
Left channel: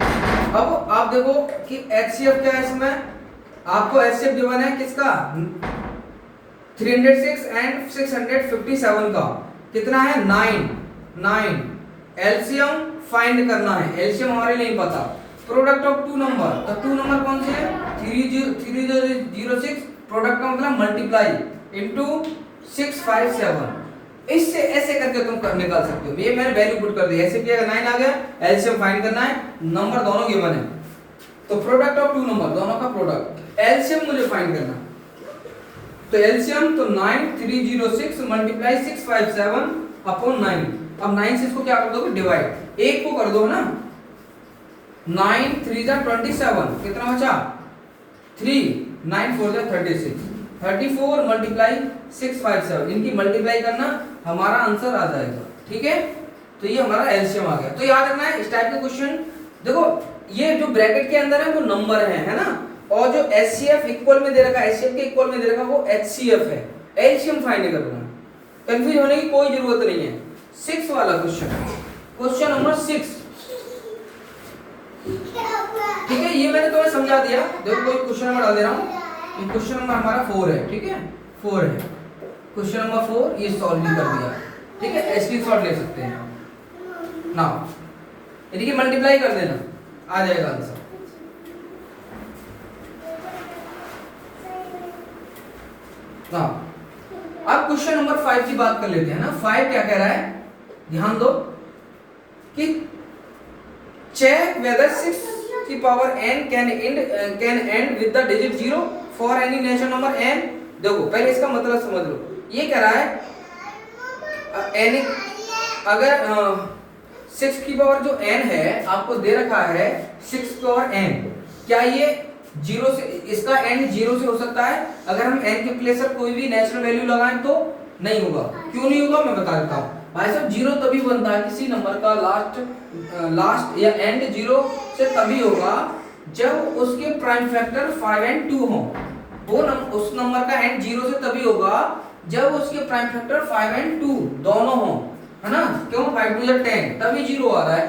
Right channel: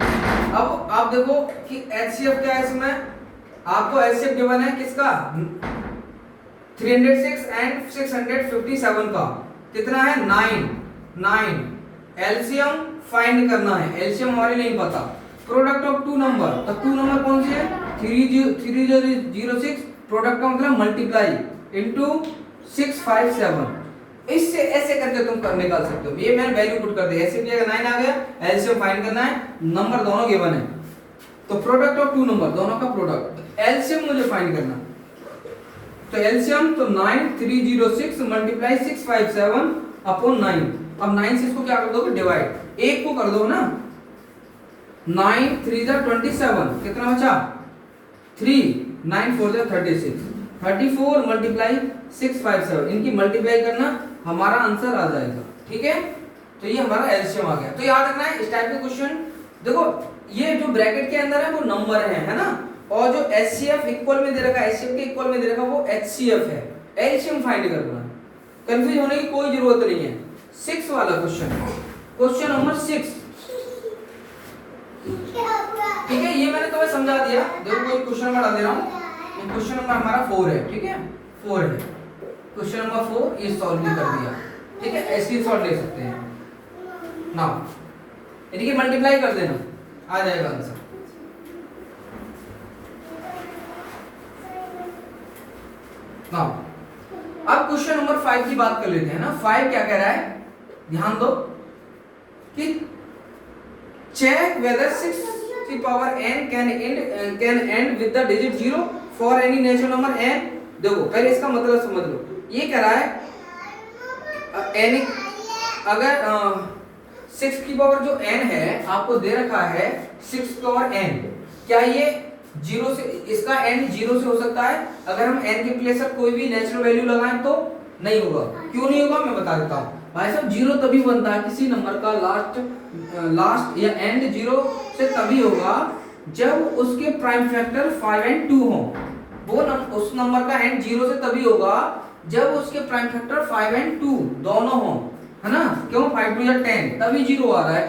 अब आप देखो कि HCF क्या है, इसमें आपको HCF गिवन है किसका, 306 एंड 657 का, कितना है 9। LCM फाइंड करना है, LCM हमारे नहीं पता। प्रोडक्ट ऑफ टू नंबर, तो टू नंबर कौन सी है 3006, प्रोडक्ट का मतलब मल्टीप्लाई इनटू 657। इससे ऐसे करके तुम निकाल सकते हो। ये मैंने वैल्यू पुट कर दी, ऐसे भी अगर 9 आ गया, LCM फाइंड करना है, नंबर दोनों गिवन है, तो प्रोडक्ट ऑफ टू नंबर दोनों का प्रोडक्ट, LCM मुझे फाइंड करना। तो LCM तो 9 306 मल्टीप्लाई 657 अपॉन 9। अब 9 से इसको क्या कर दोगे डिवाइड, एक को कर दो ना, 9 3 जा 27, कितना बचा 3, 9 4 जा 36, 34 मल्टीप्लाई 657, इनकी मल्टीप्लाई करना, हमारा आंसर आ जाएगा, ठीक है। तो ये हमारा LCM आ गया। तो याद रखना है इस टाइप के क्वेश्चन, देखो ये जो ब्रैकेट के अंदर है वो नंबर है ना, और जो HCF इक्वल में दे रखा है, HCF के इक्वल में दे रखा है वो HCF है। LCM फाइंड करना, कंफ्यूज होने की कोई जरूरत नहीं है। 6 वाला क्वेश्चन नंबर 6, ठीक है, ये मैंने तुम्हें समझा दिया। देखो कोई क्वेश्चन नंबर डाल दे रहा हूँ, क्वेश्चन नंबर हमारा 4 है, ठीक है, 4 है क्वेश्चन नंबर 4, ये सॉल्व भी कर दिया, ठीक है। एसडी शॉट ले सकते हैं ना, यानी कि मल्टीप्लाई कर देना, आ जाएगा आंसर। ना अब क्वेश्चन नंबर 5 की बात कर लेते हैं ना। 5 क्या कह रहा है, ध्यान दो कि चेक वेदर 6 की power n can and with the digit 0 for any natural number n। देखो पहले इसका मतलब समझ लो, ये कह रहा है n, अगर 6 की पावर जो n है आपको दे रखा है 6 की पावर n, क्या ये 0 से, इसका n 0 से हो सकता है? अगर हम n के प्लेस पर कोई भी नेचुरल वैल्यू लगाएं तो नहीं होगा। क्यों नहीं होगा मैं बता देता हूँ भाई साहब। 0 तभी बनता है किसी नंबर का लास्ट या एंड 0 से तभी होगा जब उसके प्राइम फैक्टर 5 एंड 2 हो। वो उस नंबर का एंड 0 से तभी होगा जब उसके प्राइम फैक्टर 5 एंड 2 दोनों हो, है ना। क्यों 5 2 या 10, तभी 0 आ रहा है।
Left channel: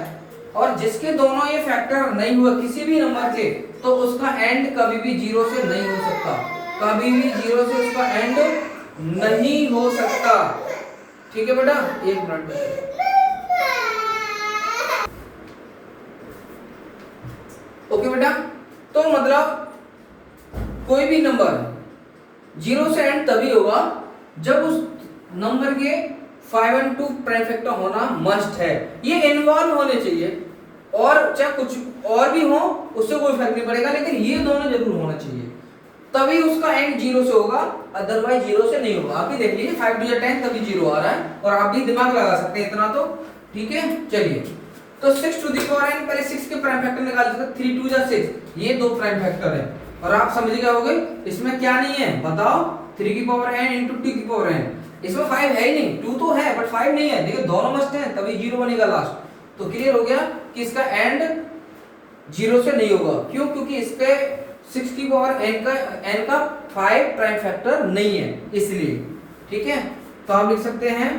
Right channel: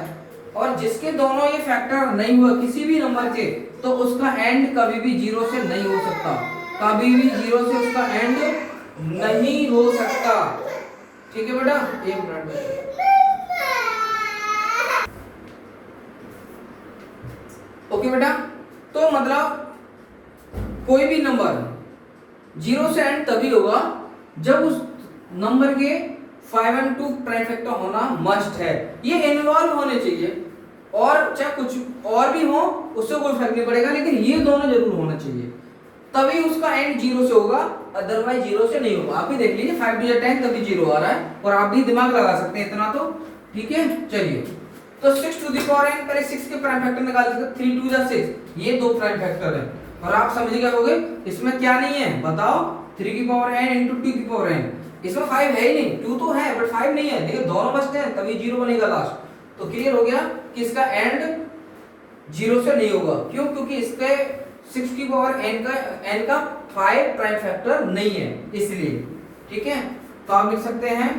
और जिसके दोनों ये फैक्टर नहीं हुआ किसी भी नंबर के, तो उसका एंड कभी भी 0 से नहीं हो सकता, कभी भी 0 से उसका एंड नहीं हो सकता, ठीक है बेटा। एक मिनट, ओके बेटा, तो मतलब कोई भी नंबर 0 से एंड तभी होगा जब उस नंबर के 5 और 2 प्राइम फैक्टर होना मस्ट है, ये इन्वॉल्व होने चाहिए, और चाहे कुछ और भी हो उससे कोई फर्क नहीं पड़ेगा, लेकिन ये दोनों जरूर होना चाहिए, तभी उसका एंड 0 से होगा, अदरवाइज 0 से नहीं होगा। आप भी देख लीजिए 5 टू 10 तभी 0 आ रहा है, और आप भी दिमाग लगा सकते हैं इतना तो, ठीक है। चलिए, तो 6 टू द पावर n, पहले 6 के प्राइम फैक्टर निकाल सकते, 3 टू 6, ये दो प्राइम फैक्टर है, और आप समझ गए होंगे इसमें क्या नहीं है बताओ, 3 की पावर n इंटू 2 की पावर n, इसमें 5 है ही नहीं, 2 तो है बट 5 नहीं है, देखो दोनों मस्ट है तभी 0 बनेगा लास्ट। तो क्लियर हो गया कि इसका एंड 0 से नहीं होगा, क्यों, क्योंकि इसके 6 की पावर n का 5 प्राइम फैक्टर नहीं है इसलिए, ठीक है। तो आप लिख सकते हैं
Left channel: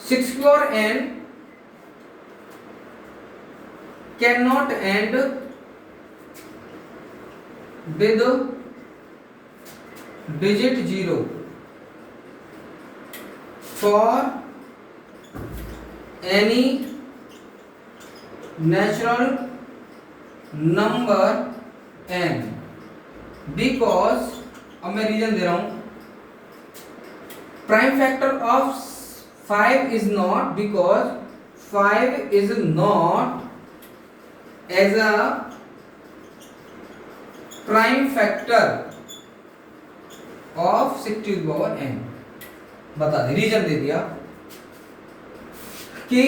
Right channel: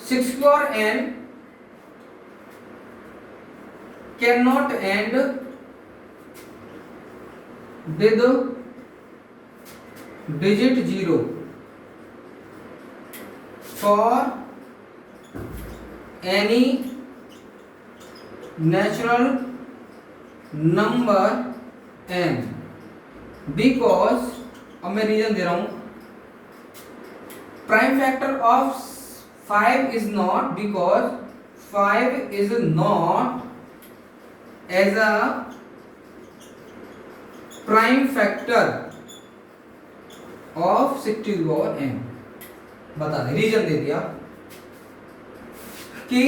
6 की power n can not end with digit 0 for any natural number n, because, अब मैं रीजन दे रहा हूं, prime factor of 5 is not, because 5 is not as a prime factor of 6 to the power n। बता दे, reason दे दिया कि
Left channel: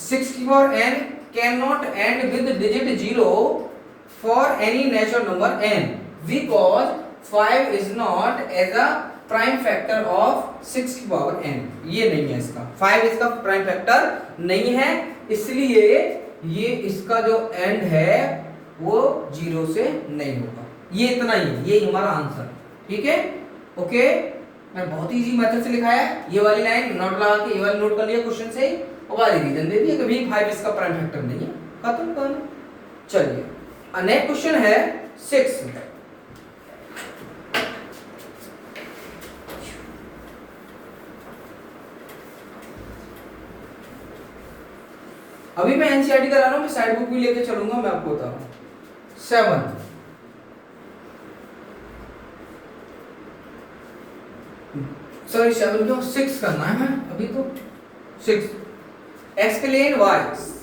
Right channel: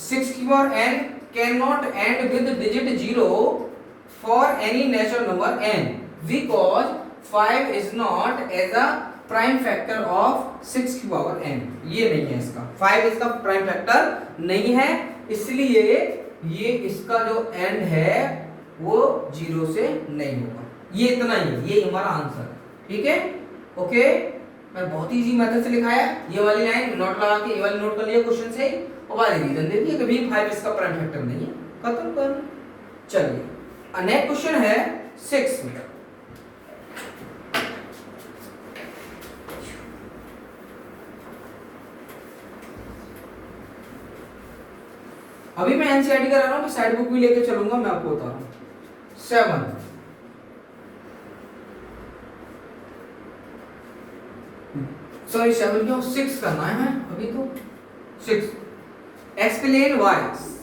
6 की power n can not end with digit 0 for any natural number n, because 5 is not as a prime factor of 6 की power n। ये नहीं है इसका, 5 इसका प्राइम फैक्टर नहीं है, इसलिए ये इसका जो एंड है वो 0 से नहीं होगा। ये इतना ही है, ये हमारा आंसर, ठीक है। ओके, मैं बहुत इजी मेथड से लिखा है, ये वाली लाइन नोट लगा के ये वाली नोट कर लिया क्वेश्चन से, और वाली रीजन दे दिया कि भाई 5 इसका प्राइम फैक्टर नहीं है, खत्म कर। चलिए नेक्स्ट क्वेश्चन है 6। अभी मैं एनसीईआरटी करा रहा हूं, मैं साइड बुक भी लेके चलूंगा, मैं आपको बता रहा हूं। 7 सॉरी 7 क्यों, 6 करना है अभी तो 6। Explain why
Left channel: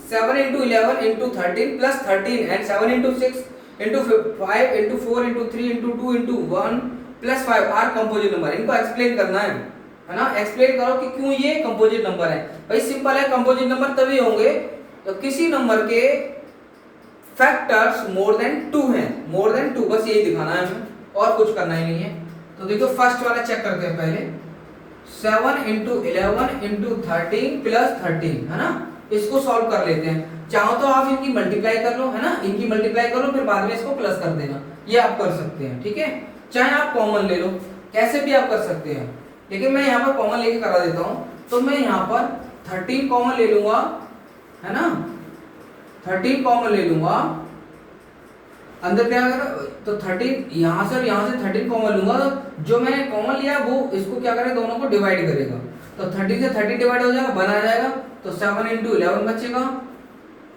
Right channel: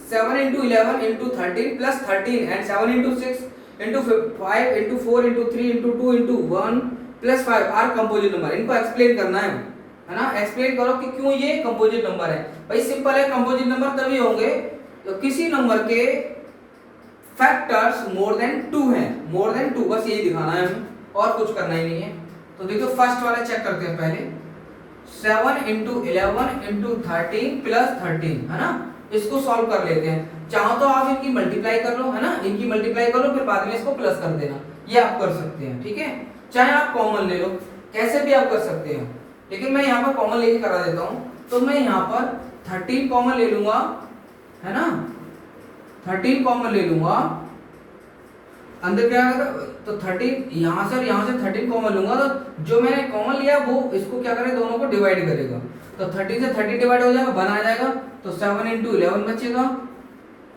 7 into 11 into 13 plus 13 and 7 into 6 into 5 into 4 into 3 into 2 into 1 plus 5 are composite number. इनको एक्सप्लेन करना है ना, एक्सप्लेन करो कि क्यों ये कंपोजिट नंबर है। भाई सिंपल है, कंपोजिट नंबर तभी होंगे तो किसी नंबर के फैक्टर्स मोर देन 2 हैं, मोर देन 2, बस यही दिखाना है हमें, और कुछ करना ही नहीं है। तो देखो फर्स्ट वाला चेक करते हैं पहले, 7 into 11 into 13 plus 13 है ना, इसको सॉल्व कर लेते हैं। चाहो तो आप इनकी मल्टीप्लाई कर लो, है ना, इनकी मल्टीप्लाई कर लो, फिर बाद में इसको प्लस कर देना, ये आप कर सकते हैं, ठीक है। चाहे आप कॉमन ले लो, कैसे भी आप कर सकते हैं, लेकिन मैं यहाँ पर कॉमन लेके करा देता हूँ। तो मैं यहाँ पर 13 कॉमन ले लूंगा, है ना, 13 कॉमन ले लूंगा, अंदर क्या आएगा, तो 13 यहाँ से 13 कॉमन लूंगा, तो जो मैंने कॉमन लिया वो इसको क्या करेगा, दोनों को डिवाइड करेगा, तो 13 से 13 डिवाइड हो जाएगा, बना जाएगा, तो 7 into 11 बचेगा,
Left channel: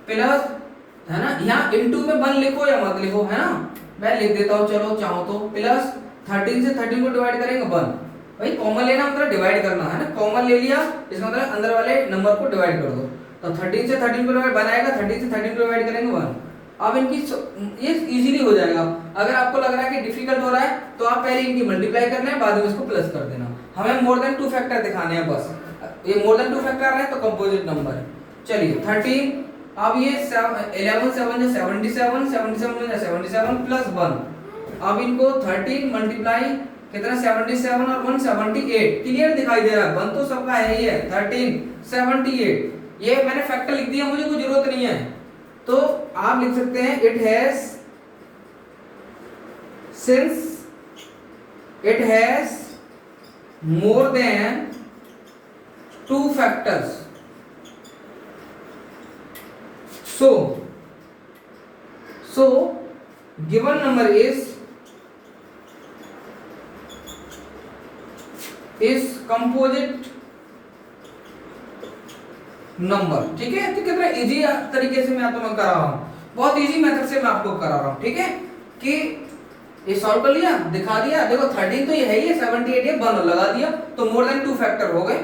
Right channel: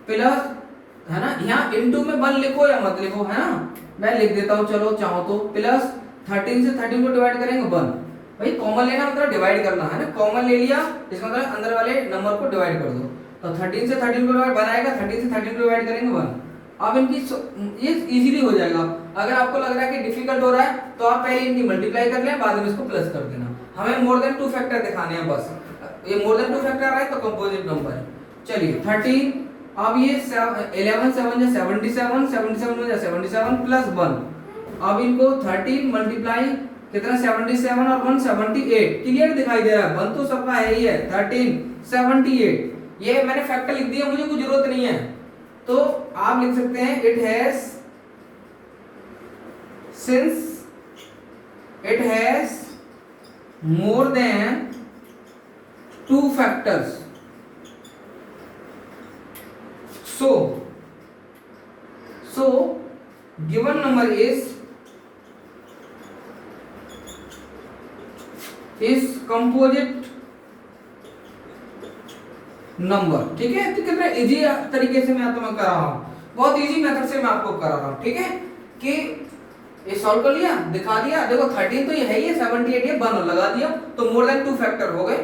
प्लस, है ना, यहाँ इनटू में 1 लिखो या मत लिखो, है ना, मैं लिख देता हूँ, चलो चाहो तो, प्लस 13 से 13 को डिवाइड करेंगे 1। भाई कॉमन लेना मतलब डिवाइड करना है ना, कॉमन ले लिया इसका मतलब अंदर वाले नंबर को डिवाइड कर दो, तो 13 से 13 को डिवाइड बनाएगा, 13 से 13 को डिवाइड करेंगे 1। अब इनकी ये इजीली हो जाएगा। अगर आपको लग रहा है कि डिफिकल्ट हो रहा है तो आप पहले इनकी मल्टीप्लाई कर लें, बाद में इसको प्लस कर देना। हमें मोर देन 2 फैक्टर दिखाने हैं बस, ये मोर देन 2 फैक्टर आ रहा है तो कंपोजिट नंबर है। चलिए 13, अब ये 11 7 जा 77, 77 जा 77 प्लस 1। अब इनको 13 मल्टीप्लाई कितना, 77 और 1 78, क्लियर दिखाई दे रहा है, 1 तो सबका है ही है, 13 78, ये मैंने फैक्टर लिख दिया, मुझे कोई जरूरत नहीं है। तो आप लिख सकते हैं it has, since it has more than 2 factors, so given number is composite number. ठीक है, तो कितना इजी तरीके से मैं तुम्हें करा रहा हूँ, बहुत इजी मेथड से मैं आपको करा रहा हूँ। ठीक है, कि ये सॉल्व कर लिया, दिखा दिया, देखो 13 तो ये है ही, 78 ये 1 लगा दिया, तो मोर देन 2 फैक्टर हो गए,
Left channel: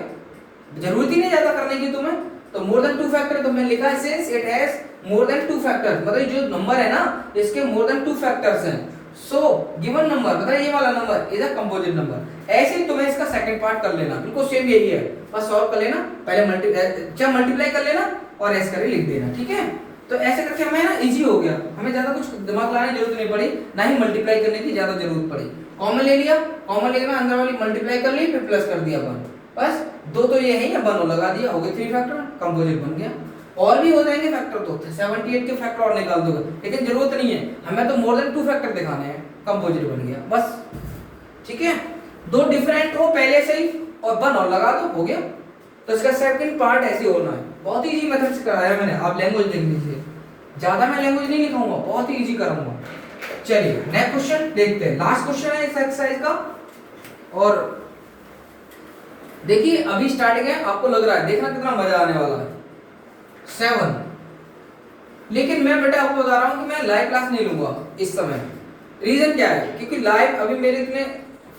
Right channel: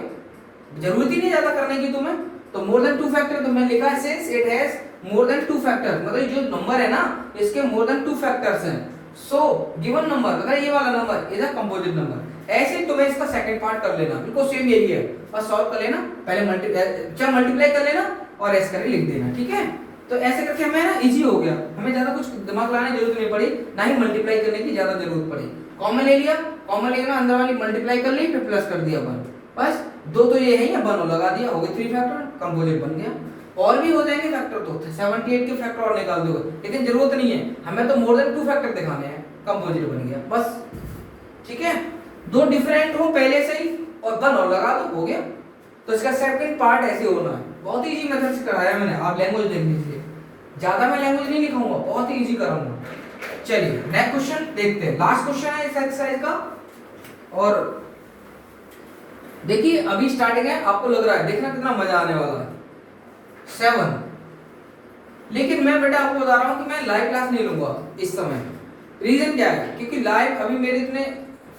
जरूरत ही नहीं ज्यादा करने की तुम्हें। तो मोर देन 2 फैक्टर तो मैंने लिखा है since it has more than 2 factors, मतलब जो नंबर है ना इसके मोर देन 2 फैक्टर्स हैं, सो गिवन नंबर मतलब ये वाला number is a composite number. ऐसे ही तुम्हें इसका सेकंड पार्ट कर लेना, बिल्कुल सेम यही है, बस सॉल्व कर लेना, पहले मल्टीप्लाई कर लेना और ऐसे करके लिख देना। ठीक है, तो ऐसे करके हमें ना इजी हो गया, हमें ज्यादा कुछ दिमाग लगाने की जरूरत नहीं पड़ी, ना ही मल्टीप्लाई करने की ज्यादा जरूरत पड़ी। कॉमन ले लिया, कॉमन लेकर अंदर वाली मल्टीप्लाई कर ली, फिर प्लस कर दिया 1, बस 2 तो ये है या 1 लगा दिया, हो गए 3 फैक्टर, कंपोजिट बन गया। और भी हो जाएंगे फैक्टर, तो 78 के फैक्टर और निकाल दोगे, लेकिन जरूरत नहीं है, हमें तो मोर देन 2 फैक्टर दिखाने हैं, कंपोजिट बन गया बस। ठीक है, 2 डिफरेंट हो पहले से ही और 1 और लगा दो, हो गया। तो इसका सेकंड पार्ट ऐसे होना है, बहुत ही इजी मेथड से कराया मैंने, आप लैंग्वेज देख लीजिए, ज्यादा मैं लैंग्वेज नहीं लिखाऊंगा, बहुत ही इजी कराऊंगा। चलिए नेक्स्ट क्वेश्चन देखते हैं, लास्ट क्वेश्चन है इस एक्सरसाइज का। और देखिए अभी स्टार्टिंग है, आपको लग रहा है, देखना कितना मजा आने वाला है। 7, लेकिन मैं बेटा आपको बता रहा हूं कि मैं लाइव क्लास नहीं लूंगा इस समय। रीजन क्या है, क्योंकि लाइव अभी मेरे इतने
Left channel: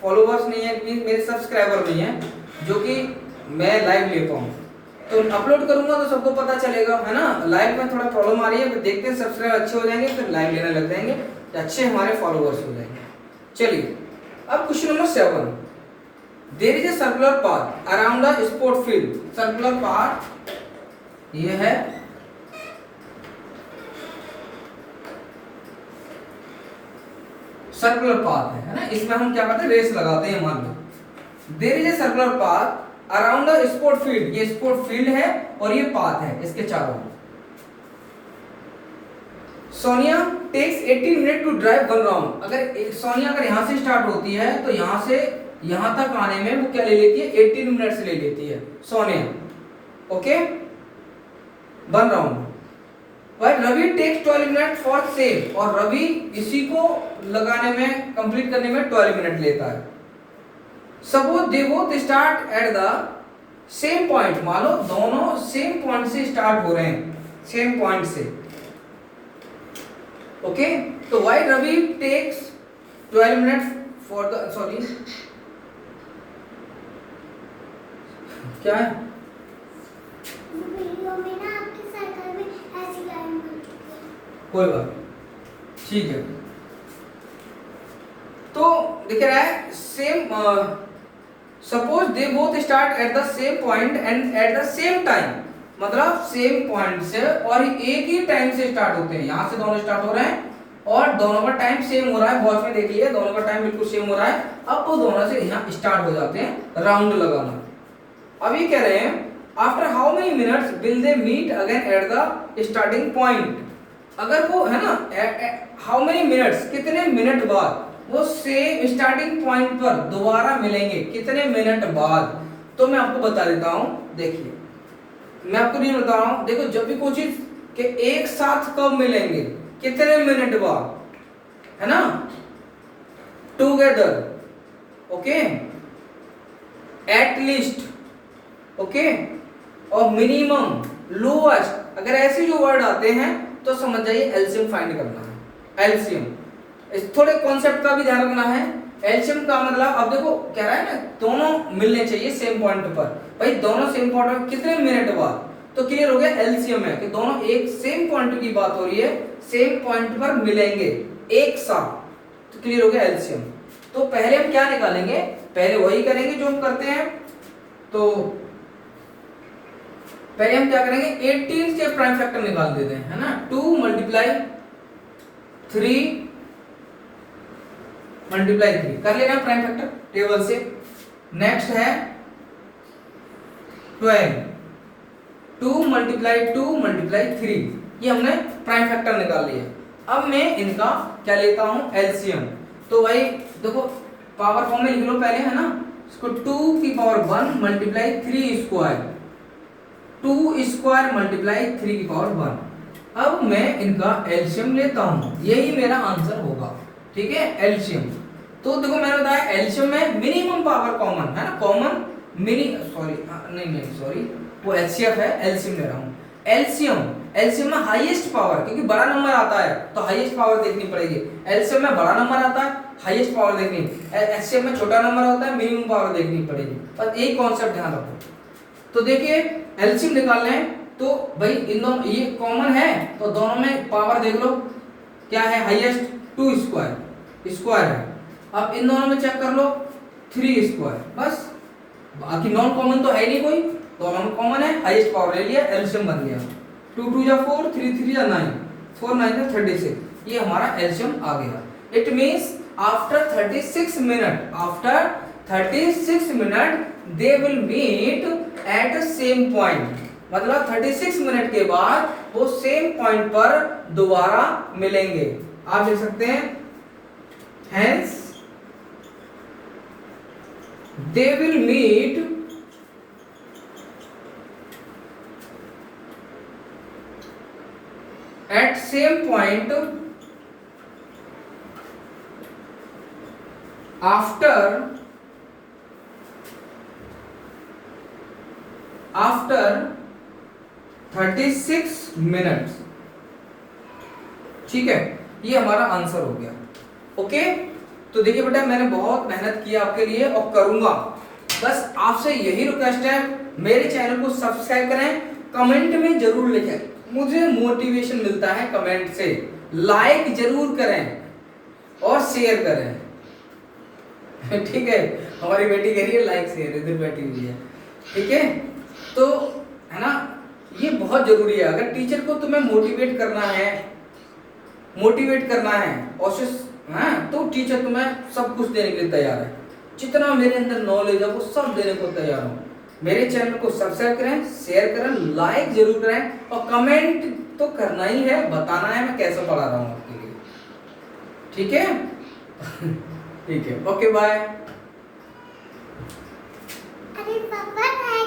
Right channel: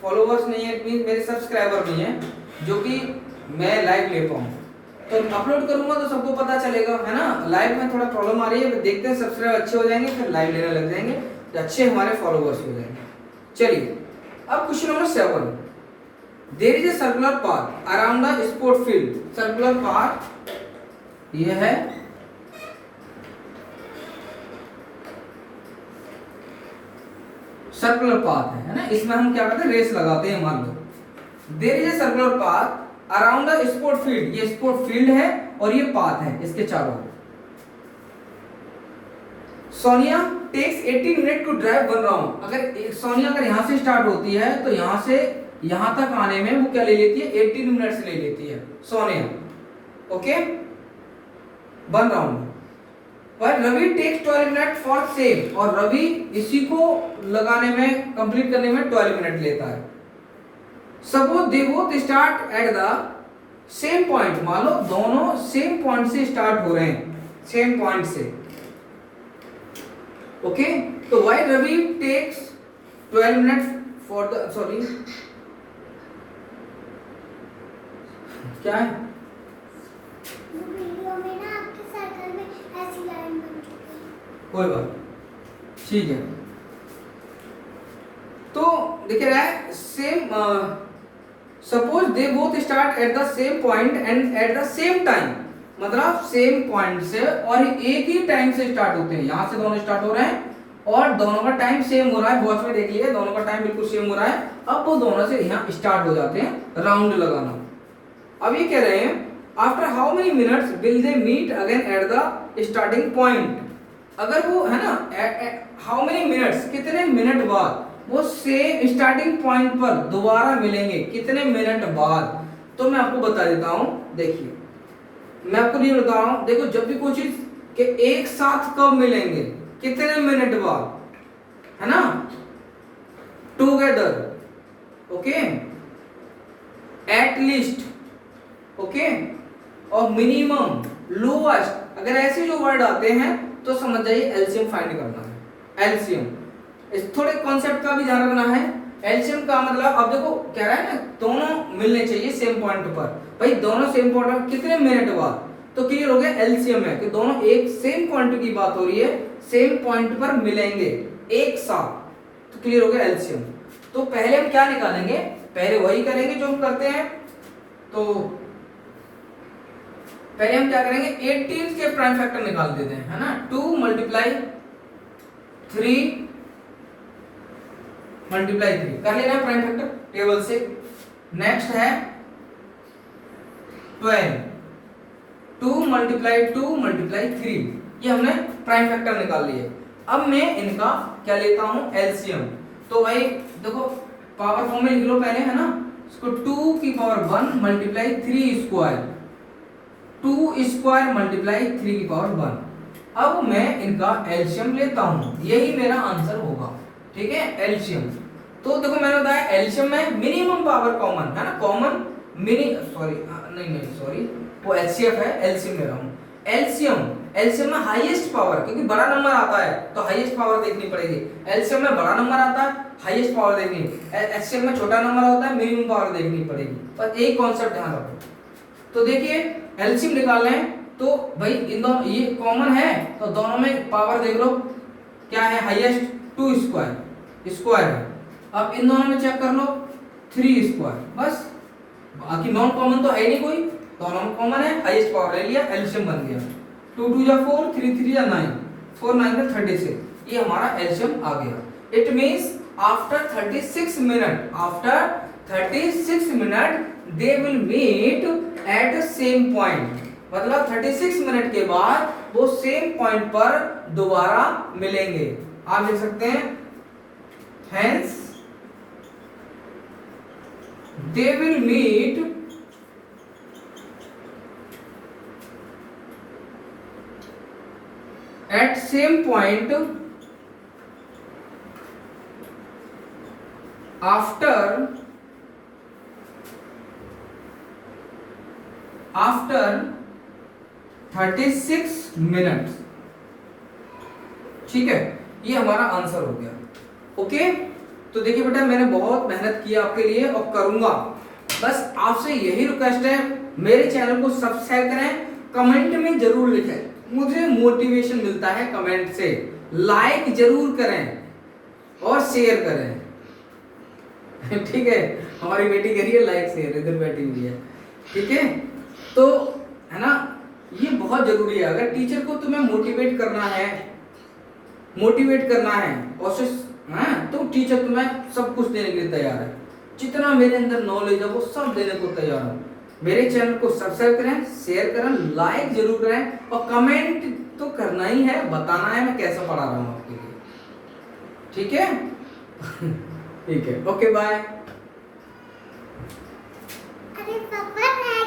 फॉलोवर्स नहीं है, मेरे सब्सक्राइबर नहीं है जो कि मैं लाइव ले पाऊं। तो अपलोड करूंगा तो सबको पता चलेगा, है ना। लाइव में थोड़ा प्रॉब्लम आ रही है, देखते हैं सब्सक्राइब अच्छे हो जाएंगे फिर लाइव लेने लग जाएंगे, तो अच्छे हमारे फॉलोवर्स हो जाएंगे। चलिए अब question number 7, there is a circular path around the sport field. Circular path ये है, सर्कुलर पाथ है ना, इसमें हम क्या करते हैं, रेस लगाते हैं, मान लो there is a circular path around the sport field, ये स्पोर्ट फील्ड है और ये पाथ है इसके चारों ओर। Sonia takes 18 minute to drive 1 round. अगर सोनिया अगर यहां से स्टार्ट होती है तो यहां से यहां तक आने में वो क्या ले लेती है, 18 मिनट्स ले लेती है सोनिया, ओके 1 राउंड। पर Ravi takes 12 minute for same, और रवि इसी को लगाने में कंप्लीट करने में 12 मिनट लेता है। Suppose they both start at the same point, मान लो दोनों सेम पॉइंट से स्टार्ट हो रहे हैं, सेम पॉइंट से, ओके। तो why Ravi takes 12 minute for the, sorry क्या है वीडियो में ना आपकी साइकिल में ऐसी लाइन बन चुकी है, कोई बात ठीक है। तो दिख रहा है same, suppose they both start at the same point and at the same time, मतलब सेम पॉइंट से और एक ही टाइम से स्टार्ट होते हैं, यहां से दोनों स्टार्ट हो रहे हैं और दोनों का टाइम सेम हो रहा है, वॉच में देख लिया दोनों का टाइम बिल्कुल सेम हो रहा है। अब वो दोनों से यहां स्टार्ट हो जाते हैं राउंड लगाना। अब ये कह रहे हैं after how many minutes will they meet again at the starting point. अगर वो है ना हाउ मेनी मिनट्स, कितने मिनट बाद वो सेम स्टार्टिंग पॉइंट पर दोबारा मिलेंगे, कितने मिनट बाद। तो मैं आपको बता देता हूं, देखिए मैं आपको नहीं बता रहा हूं, देखो जब भी कोई चीज के एक साथ कब मिलेंगे, कितने मिनट बाद, है ना, together, okay, at least, okay, और मिनिमम, लोएस्ट, अगर ऐसे जो वर्ड आते हैं तो समझ जाइए एलसीएम फाइंड करना है। एलसीएम इस थोड़े कॉन्सेप्ट का भी ध्यान रखना है। एलसीएम का मतलब, अब देखो कह रहा है ना दोनों मिलने चाहिए सेम पॉइंट पर, भाई दोनों सेम पॉइंट पर कितने मिनट बाद, तो क्लियर हो गया एलसीएम है कि दोनों एक सेम पॉइंट की बात हो रही है, सेम पॉइंट पर मिलेंगे एक साथ, तो क्लियर हो गया एलसीएम। तो पहले हम क्या निकालेंगे, पहले वही करेंगे जो हम करते हैं। तो पहले हम क्या करेंगे, 18 से प्राइम फैक्टर निकाल देते हैं, है ना, 2 मल्टीप्लाई 3 कर लेना प्राइम फैक्टर टेबल से। नेक्स्ट है 12, 2 मल्टीप्लाई 3, ये हमने प्राइम फैक्टर निकाल लिए। अब मैं इनका क्या लेता हूं, एलसीएम। तो भाई देखो पावर फॉर्म में लिख लो पहले, है ना, इसको 2 की power 1 multiply 3 square, 2 square multiply 3 की पावर 1। अब मैं इनका एलसीएम लेता हूं, यही मेरा आंसर होगा, ठीक है, एलसीएम। तो देखो मैंने बताया एलसीएम में मिनिमम पावर कॉमन है ना, कॉमन मिनी, सॉरी नहीं सॉरी, वो एचसीएफ है, एलसीएम ले रहा हूँ। एलसीएम में हाईएस्ट पावर, क्योंकि बड़ा नंबर आता है तो हाईएस्ट पावर देखनी पड़ेगी। एलसीएम में बड़ा नंबर आता है, हाईएस्ट पावर देखनी, एचसीएफ में छोटा नंबर होता है, मिनिमम पावर देखनी पड़ेगी। बस एक कॉन्सेप्ट ध्यान रखो। तो देखिए एलसीएम निकालना है तो भाई इन दोनों ये कॉमन है तो दोनों में पावर देख लो क्या है, हाईएस्ट 2 स्क्वायर है। अब इन दोनों में चेक कर लो 3 स्क्वायर, बस बाकी नॉन कॉमन तो है नहीं कोई, दोनों में कॉमन है, हाईएस्ट पावर ले लिया, एलसीएम बन गया। 2 2 जा 4, 3 3 जा 9, 4 9 जा 36, ये हमारा एलसीएम आ गया। It means after 36 minute they will meet at same point, मतलब 36 मिनट के बाद वो सेम पॉइंट पर दोबारा मिलेंगे। आप देख सकते हैं hence they will meet at same point after 36 minutes. ठीक है, ये हमारा आंसर हो गया। ओके, तो देखिए बेटा मैंने बहुत मेहनत की आपके लिए और करूंगा, बस आपसे यही रिक्वेस्ट है मेरे चैनल को सब्सक्राइब करें, कमेंट में जरूर लिखें, मुझे मोटिवेशन मिलता है कमेंट से, लाइक जरूर करें और शेयर करें। ठीक है, हमारी बेटी कह रही है लाइक शेयर, इधर बैठी हुई है। ठीक है, तो है ना, ये बहुत जरूरी है। अगर टीचर को तुम्हें मोटिवेट करना है और तो टीचर तुम्हें सब कुछ देने के लिए तैयार है, जितना मेरे अंदर नॉलेज है वो सब देने को तैयार हूँ। मेरे चैनल को सब्सक्राइब करें, शेयर करें, लाइक जरूर करें और कमेंट तो करना ही है, बताना है मैं कैसे पढ़ा रहा हूँ आपके लिए। ठीक है? ठीक है, ओके बाय। अरे पापा